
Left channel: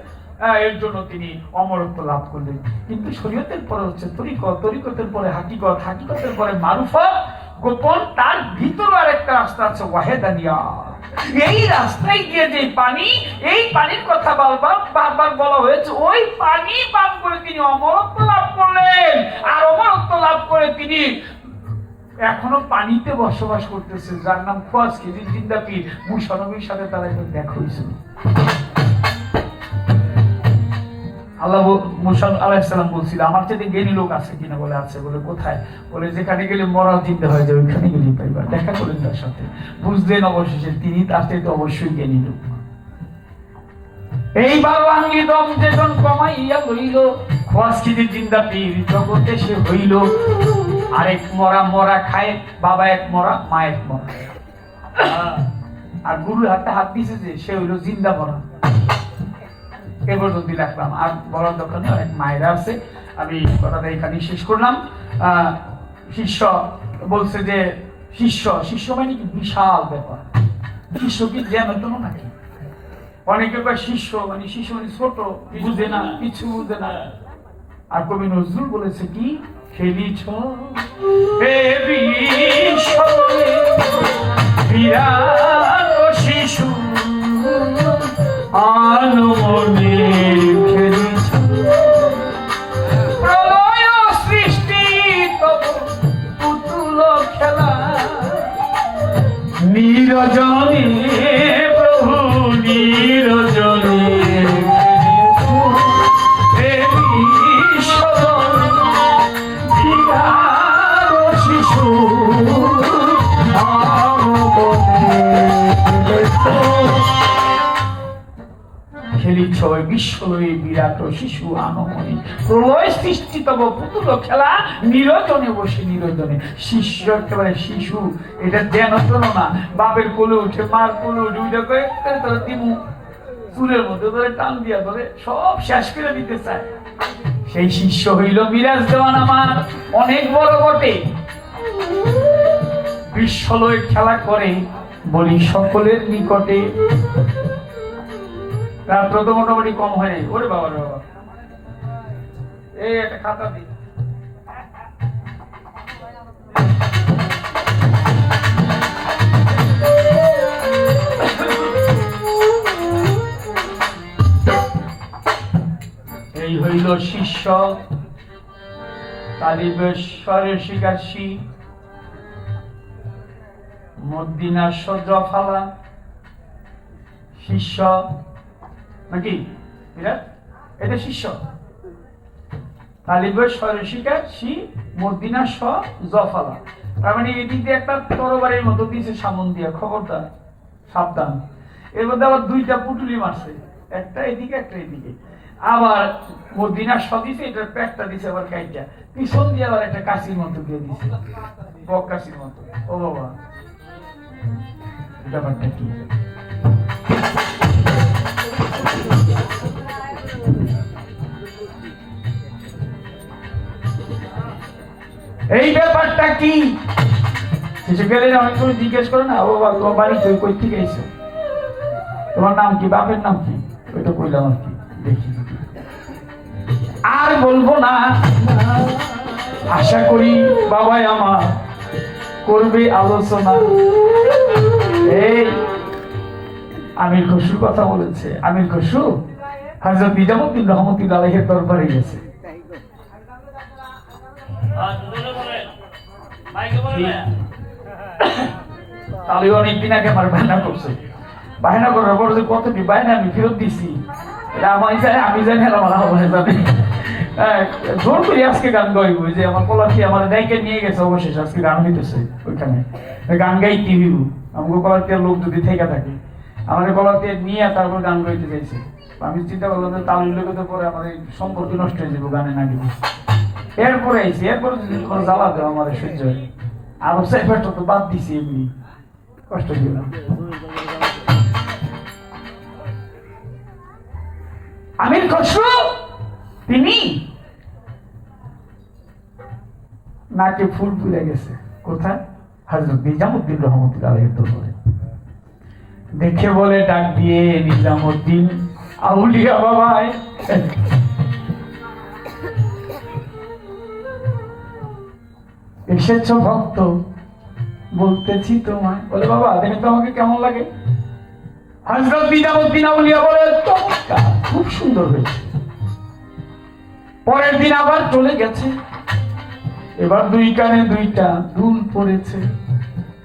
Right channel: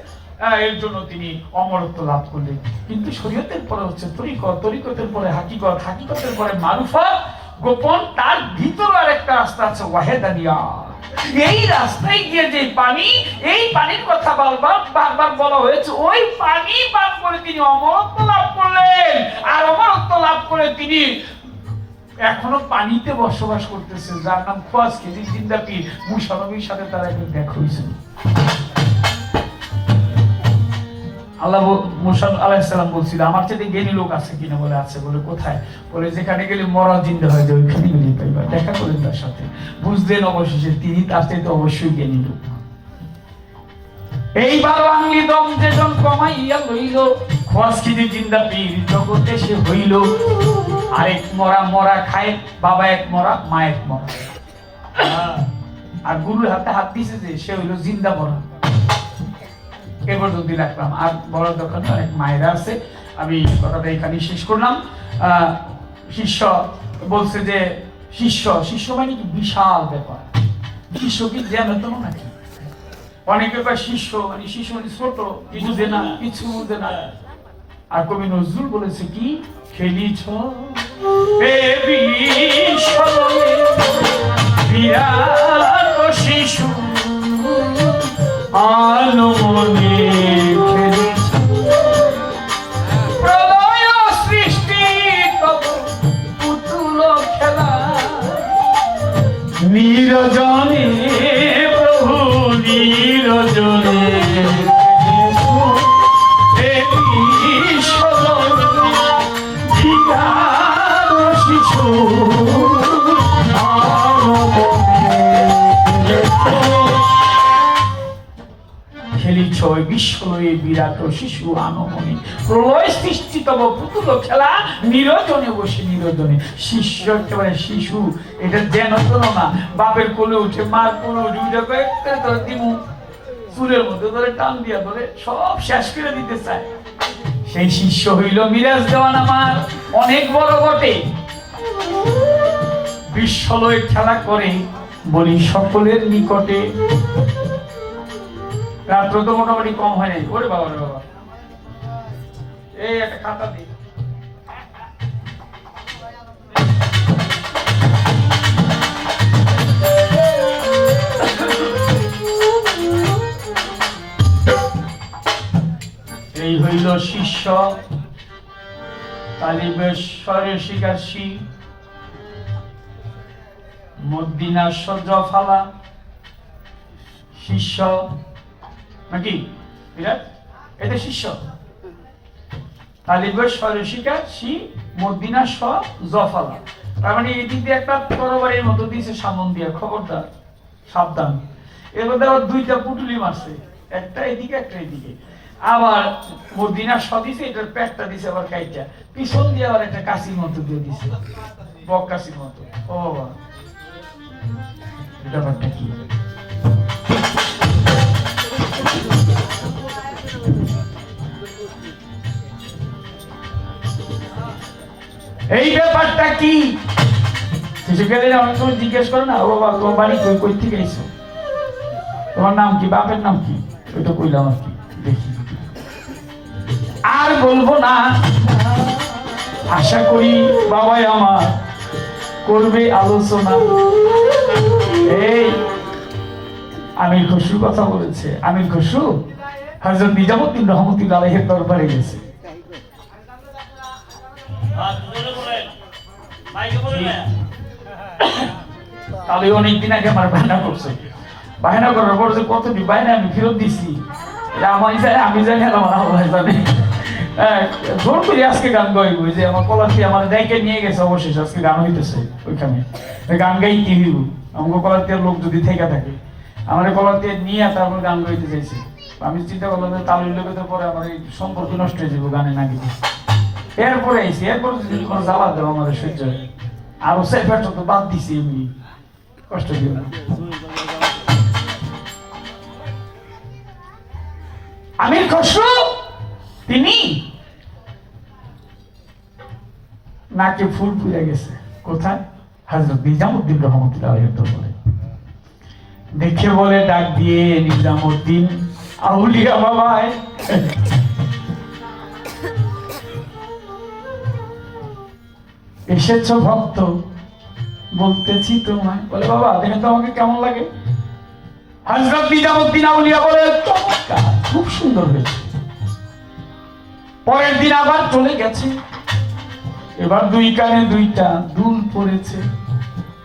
এর জন্য তিনি অমরত্ব লাভ করলেন। কিন্তু শরীয়তের পরে হচ্ছে তরিকত, তরিকতের পরে হাকিকত, হাকিকতের পরে মারুফত, গোপন। তার ভিতরে আরেকটা রাস্তা আছে, ওয়াহেদানিয়া। এই রাস্তায় গিয়ে যে পানি, এই পানির কথা বারবার বলা হয়েছে, ওই পানি পান করে তিনি অমরত্ব লাভ করলেন। আর অমরত্ব লাভ করে তিনি এখনো পানিতে বসবাস করতেছে, যার নাম খোয়াজ খিজির জিন্দাপি। মুসা নবীর সাথে তার একবার দেখা হয়েছিল। আল্লাহ মুসা আলাইহিস সালাম বলছিল, আমার চাইতে জ্ঞানী লোক আছে কিনা? বলে আছে। বলে কোথায়? বলে যেখানে গেলে মরা জিন্দা হয়ে যায়, ওইখানে গেলেই পাইবা। দেখা করেন তার সাথে, বুঝলেন অবশেষে তিনি তার চাইতে অবশ্যই জ্ঞানী লোক। এই 12 আঙ্গুলি দম যেজন কমাইয়া লইল, খোয়াজ খিজির জিন্দাপি জগতে সে হইল। আরেক মরা, মরা খায়, বাবা এক মরা, মা এক মরা। আর গুরুর হাতে হাত দিছে যে সে হইল জিন্দা মরা। এ পর্যন্ত রাখলাম, আর বলার দরকার নেই, অনেক মায়েরা আছে। আমি কথাটা এখানেই শেষ করলাম। শিষ্য বলছে যে শিষ্য শিষ্য মানে কি বিশাল ব্যাপার, শিষ্য কি জ্ঞান তো নাকি? অনেকে কয় শিষ্য মানে ছোট, বুঝে না, কিছু বুঝে না। আর কবি নজরুল বলেছে কি, খেলিছ এ বিশ্বয়ে বিরাট শিশু আনমনে খেলিছ, প্রলয় সৃষ্টি তব পুতুল খেলা, নিরজনে প্রভু নিরজনে শিশু খেলিছ বিশ্বলয়ে বিরাট শিশু আনমনে, প্রলয় সৃষ্টি তব পুতুল খেলা, নিরজনে বসে নিরজনে। শিষ্য একেবারে শিশু, এটা যেন তেন না, বাপের কোলে উঠে মার কোলে উঠে উঠে কয়েকটা ধরে দিমু চুলের মধ্যে ধরে টান দিয়া ধরে সব শেষ করে দিতে চায়। সেই শিষ্য হইল মিরাজ দেওয়ান আমার, অনেক বড় বটে, বিশ্বলয়ে খেলা করে বলি সকলের নিকটে। রাত্র তো মোটামুটি কম হয় নাই। ওরে বাবা রে বাবা, এই একটা খাতা দি। এই হইল শিষ্য তালিবেশ্বরের শিকারী মদিনার সজ্জফালা। শিষ্য নাকি এটা শিষ্য তালিবেশ্বরের শিকারী মদিনার সজ্জফালা। তার মানে এদিক দিয়ে একটা তরবারির মতো দিয়েছে সামন দিয়ে, খবরদার সাবধান। এর মধ্যে আবার দুইটা পুটুলি মারছে, একটা এদিকে একটা এদিকে। আবার মদিনার দিছে, এটার প্যাকটা দিছে আবার কাইটা, পিছন দিয়ে আবার একটা কাশির মতো দিয়ে দিছে, বক কাশির মতো। ও বাবা, ব্যাপারটা কি? এই ব্যাপারটা কি? কিছু গেলে অনেক সময় জিজ্ঞেস করে না, ও বাবা তোমার বাড়ি কই থেকে এসো, তোমার নাম কি, বাপের নাম কি, ওইটা কইলাম আর কি। দেখি আর বলবো না, আশা করি বাবাই আমার করবে আলোচনা। এই আমির খসরুর কথা বলেছে। আমির খসরু হযরত নিজামুদ্দিন রহমতুল্লাহ আলাইহির দরবারে গেছে। তাহলে অনেকদিন আগে আমার বায়না করছে, বায়না করার পর যে কতটি বায়না আমি ফেরত দিছি আমি জানি আর আমার আল্লাহ জানে। জোর করে আজকে গান গাইব, যে আমার কলাতি আমার ডাইকে নিয়ে গেছে, অবশেষ আজকে গান হইতেছে ওইখানে, গান গাইতে হইব। আমাকে কলাতিয়ার লোক যদি থেকে থাকে, আমার কলাতিয়া নিয়ে তারপর গান গাইতে চাইছে। আমি চিন্তা করলাম যে তালির লোকের পরে আমার এই সম্পর্ক নষ্ট হয়ে যাবো গানে না গেলে। এরপরে আইসি, এরপরে যদি তোমার জ্বালা দেও আমার সহ্য হয়, আরো সেফারটা তো বাদ দিছি, এমনি কষ্ট দিও না। আমির খসরু তিনি নাকে ফুল পুড়ে গেছে। কোথায়? হযরত নিজামুদ্দিন রহমতুল্লাহ আলাইহির দরবারে। দেখে বলে ডাক দিয়ে, নিজামুদ্দিন আউলিয়া বাবায়, এসেছো ভক্ত, বলতেছি তোমায়। বলে বাবা দেখেন তো আমাকে কেমন লাগে। হযরত নিজামুদ্দিন আউলিয়া বলে চমৎকার, খুব সুন্দর হয়েছে। পরের দিন আবার চলে গেছে, এবার দুই কানে দুইটা দুল পড়েছে।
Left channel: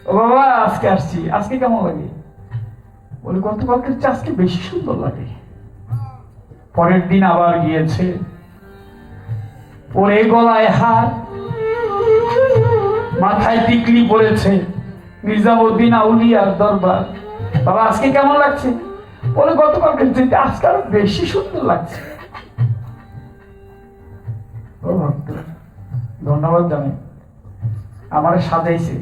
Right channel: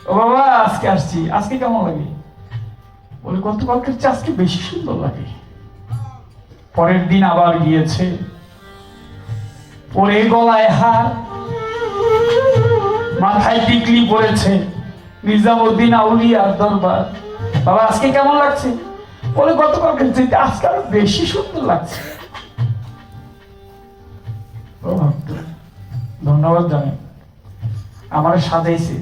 ও বাবা আজকে আসছি, আজকে কেমন লাগে? বলে গতকালকের চেয়ে আজকে বেশি সুন্দর লাগে। পরের দিন আবার গিয়েছে, পরে গলায় হার, মাথায় টিকলি পড়েছে। নিজামুদ্দিন আউলিয়ার দরবার, বাবা আজকে কেমন লাগছে? বলে গতকালকের চেয়ে আজকে আরো বেশি সুন্দর লাগছে। ও ভক্ত ধন্যবাদ জানাই, আমারে সাজাইছে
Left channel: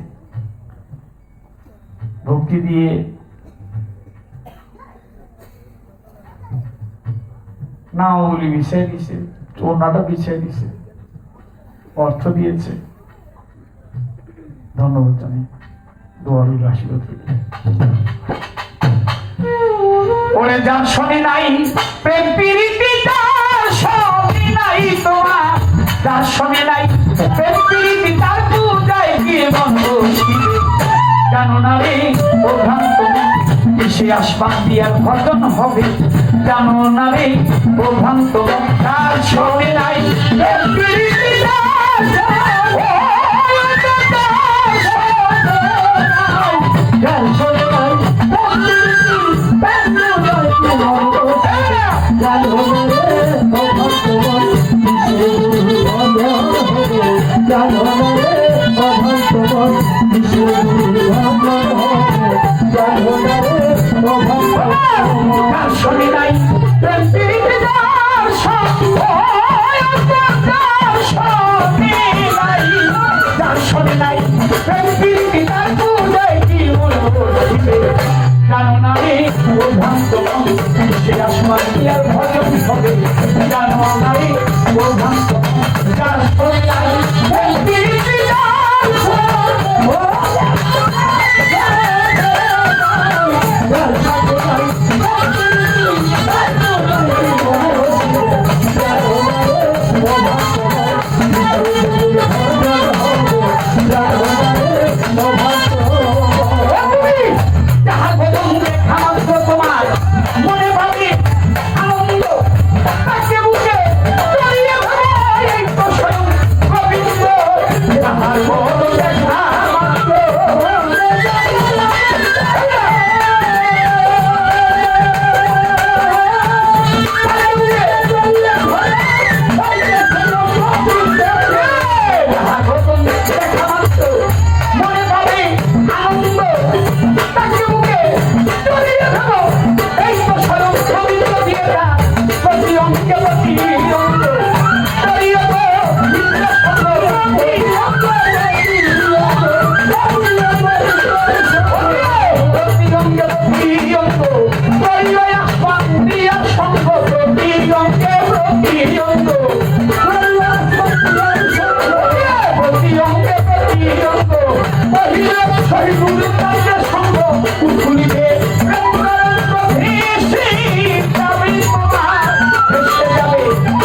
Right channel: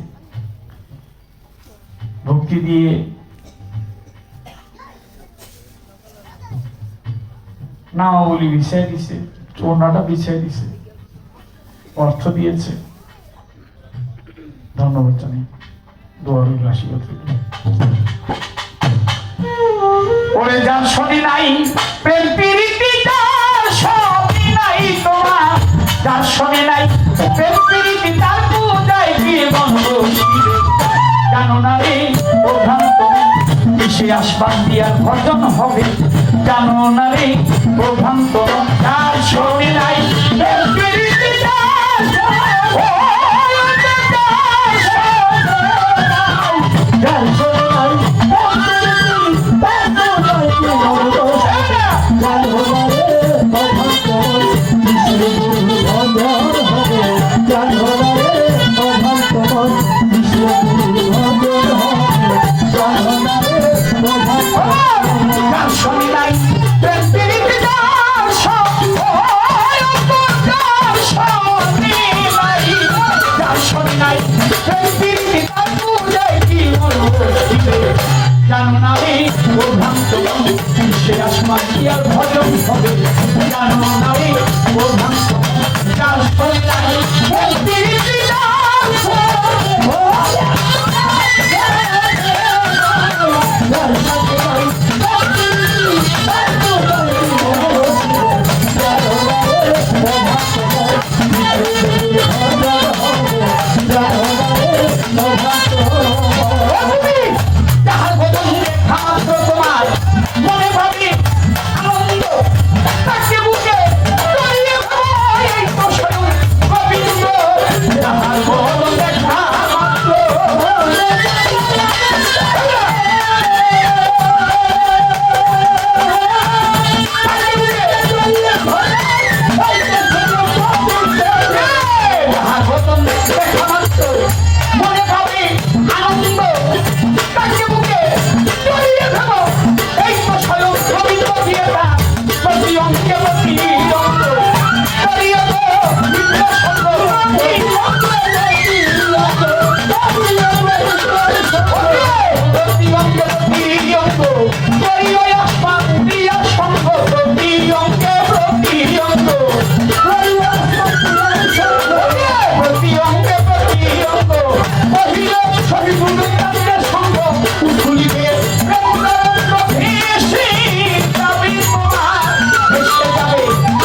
ভক্তি দিয়ে। নাও বলি বিছাই দিছে, ওড়নাটা বিছাই দিছে, অর্থ দিয়েছে। ধন্যবাদ জানাই, দোয়ারুল আশীর্বাদ থেকে। ওরে যার শনি নাই প্রেম প্রীতি তার শনি নাই, তোমার যার শনি নাই প্রেম প্রীতি তার পূজায় কি বন্ধ জানো না রে ও ভ্রান্ত, সে আসবান দিয়ার ভজন হবে জানো না রে ও ভ্রান্ত, তার শনি নাই প্রেম প্রীতি তার জানো না রে ও ভ্রান্ত, সে আসমান দিয়ার ভজন হবে জানো না রে ও ভ্রান্ত, যার শনি নাই প্রেম প্রীতি তার তোমার মনে পাবে আনন্দ তাকে বুকে জড়িয়ে ধরো, এই তো স্বয়ং গোবিন্দ যাহার বদন দেখা মাত্র যাহার বদন দেখা মাত্র মনে পাবে আনন্দ তাকে বুকে জড়িয়ে ধরো, এই তো স্বয়ং গোবিন্দ দিয়েটা প্রতি অঙ্কে প্রতি অঙ্গ জড়িয়ে ধরো বিদ্যা সঙ্গ প্রতি অঙ্গে প্রতি অঙ্গ জড়িয়ে আসবান দিয়ার সঙ্গ প্রতি অঙ্গে প্রতি অঙ্গ প্রতি অঙ্গে প্রতি অঙ্গ মহিলা শহীদুল কাদের সঙ্গ খুলিবে প্রেম তরঙ্গ ভেসে যাবে তোমার, ভেসে যাবে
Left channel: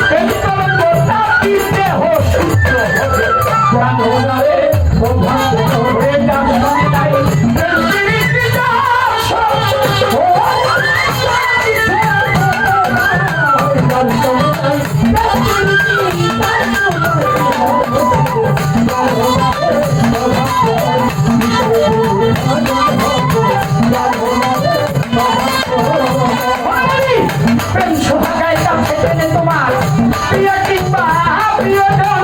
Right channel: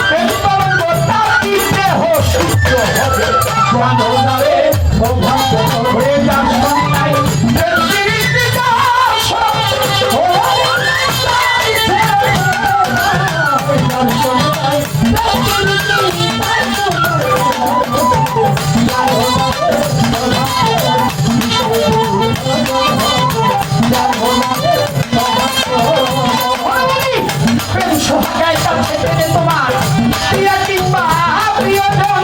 প্রেম তরঙ্গ তার দেহ সূর্য হবে জানো না রে ও ভক্ত হয়ে যার শনি নাই প্রেম প্রীতি তার ও প্রেম সোহাগায় কাছে টেনে তোমার প্রিয়া কিংবা প্রিয়জন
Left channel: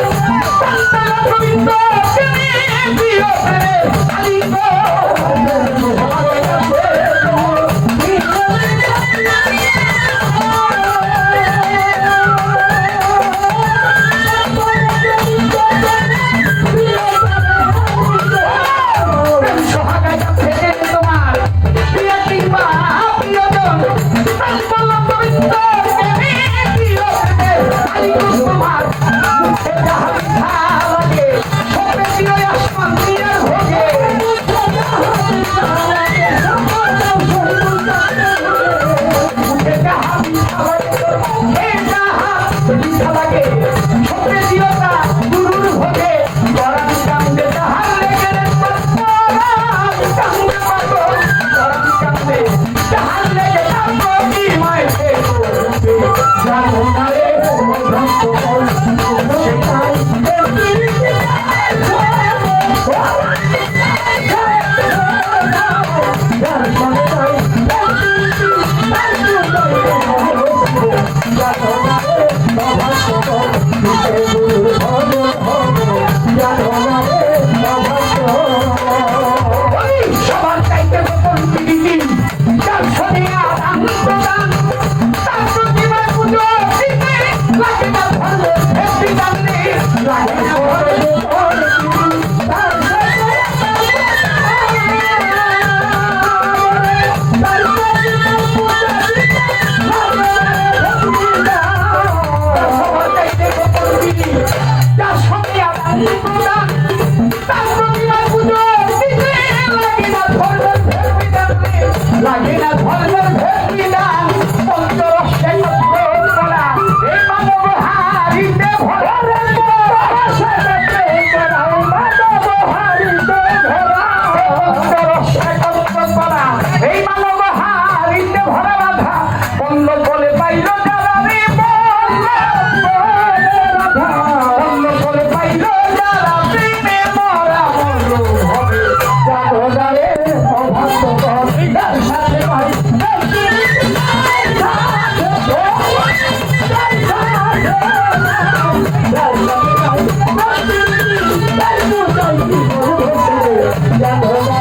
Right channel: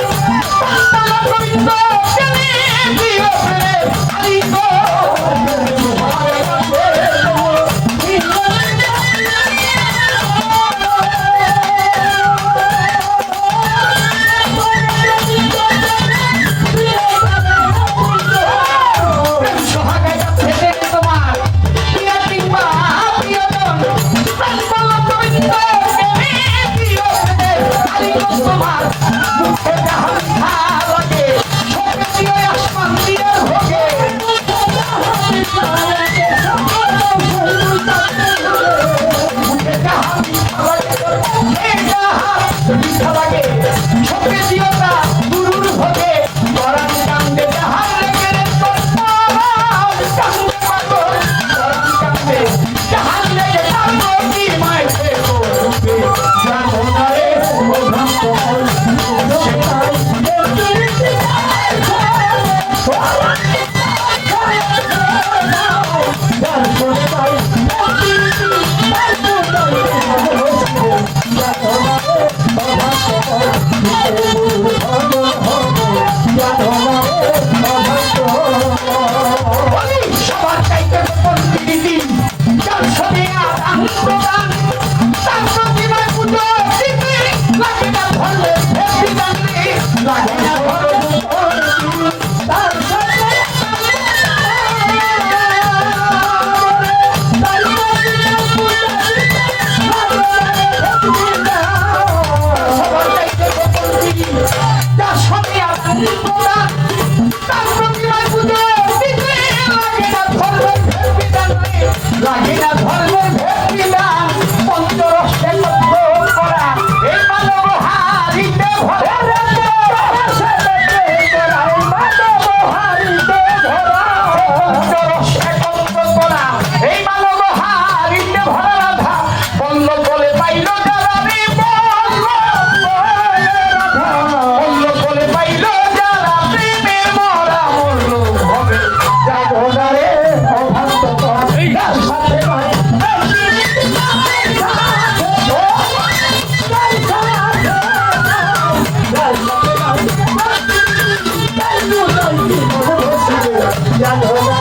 সন্তান গোবিন্দ টেনে প্রিয় প্রেমের আলিঙ্গ প্রেম সোহাগায় কাছে টেনে তোমার প্রিয়া কিংবা প্রিয়জন সন্তান গোবিন্দ টেনে প্রিয় প্রেমের আলিঙ্গ তোমার মুখে যাহার লাগে সবে প্রিয় আসমান দিয়ার ভোগে মুখে যাহা মিঠা লাগে হে যাহা মিঠা লাগে সবে দিওতা গুরুর ভোগে পরাণ কান্দে যাহার লেগে রে পরাণ কান্দে পাগল পরাণ কান্দে যাহার লেগে তার প্রতি মাইছে করবে জানো না রে ও ভ্রান্ত সেটাই সবার চাইতে গোপন প্রীতি যার ছবি আদান প্রদান তার প্রতিমায় পুজো দিতে লাগে না ধর্ম ভক্তি জানলে লাগে না ধর্ম তার জানো না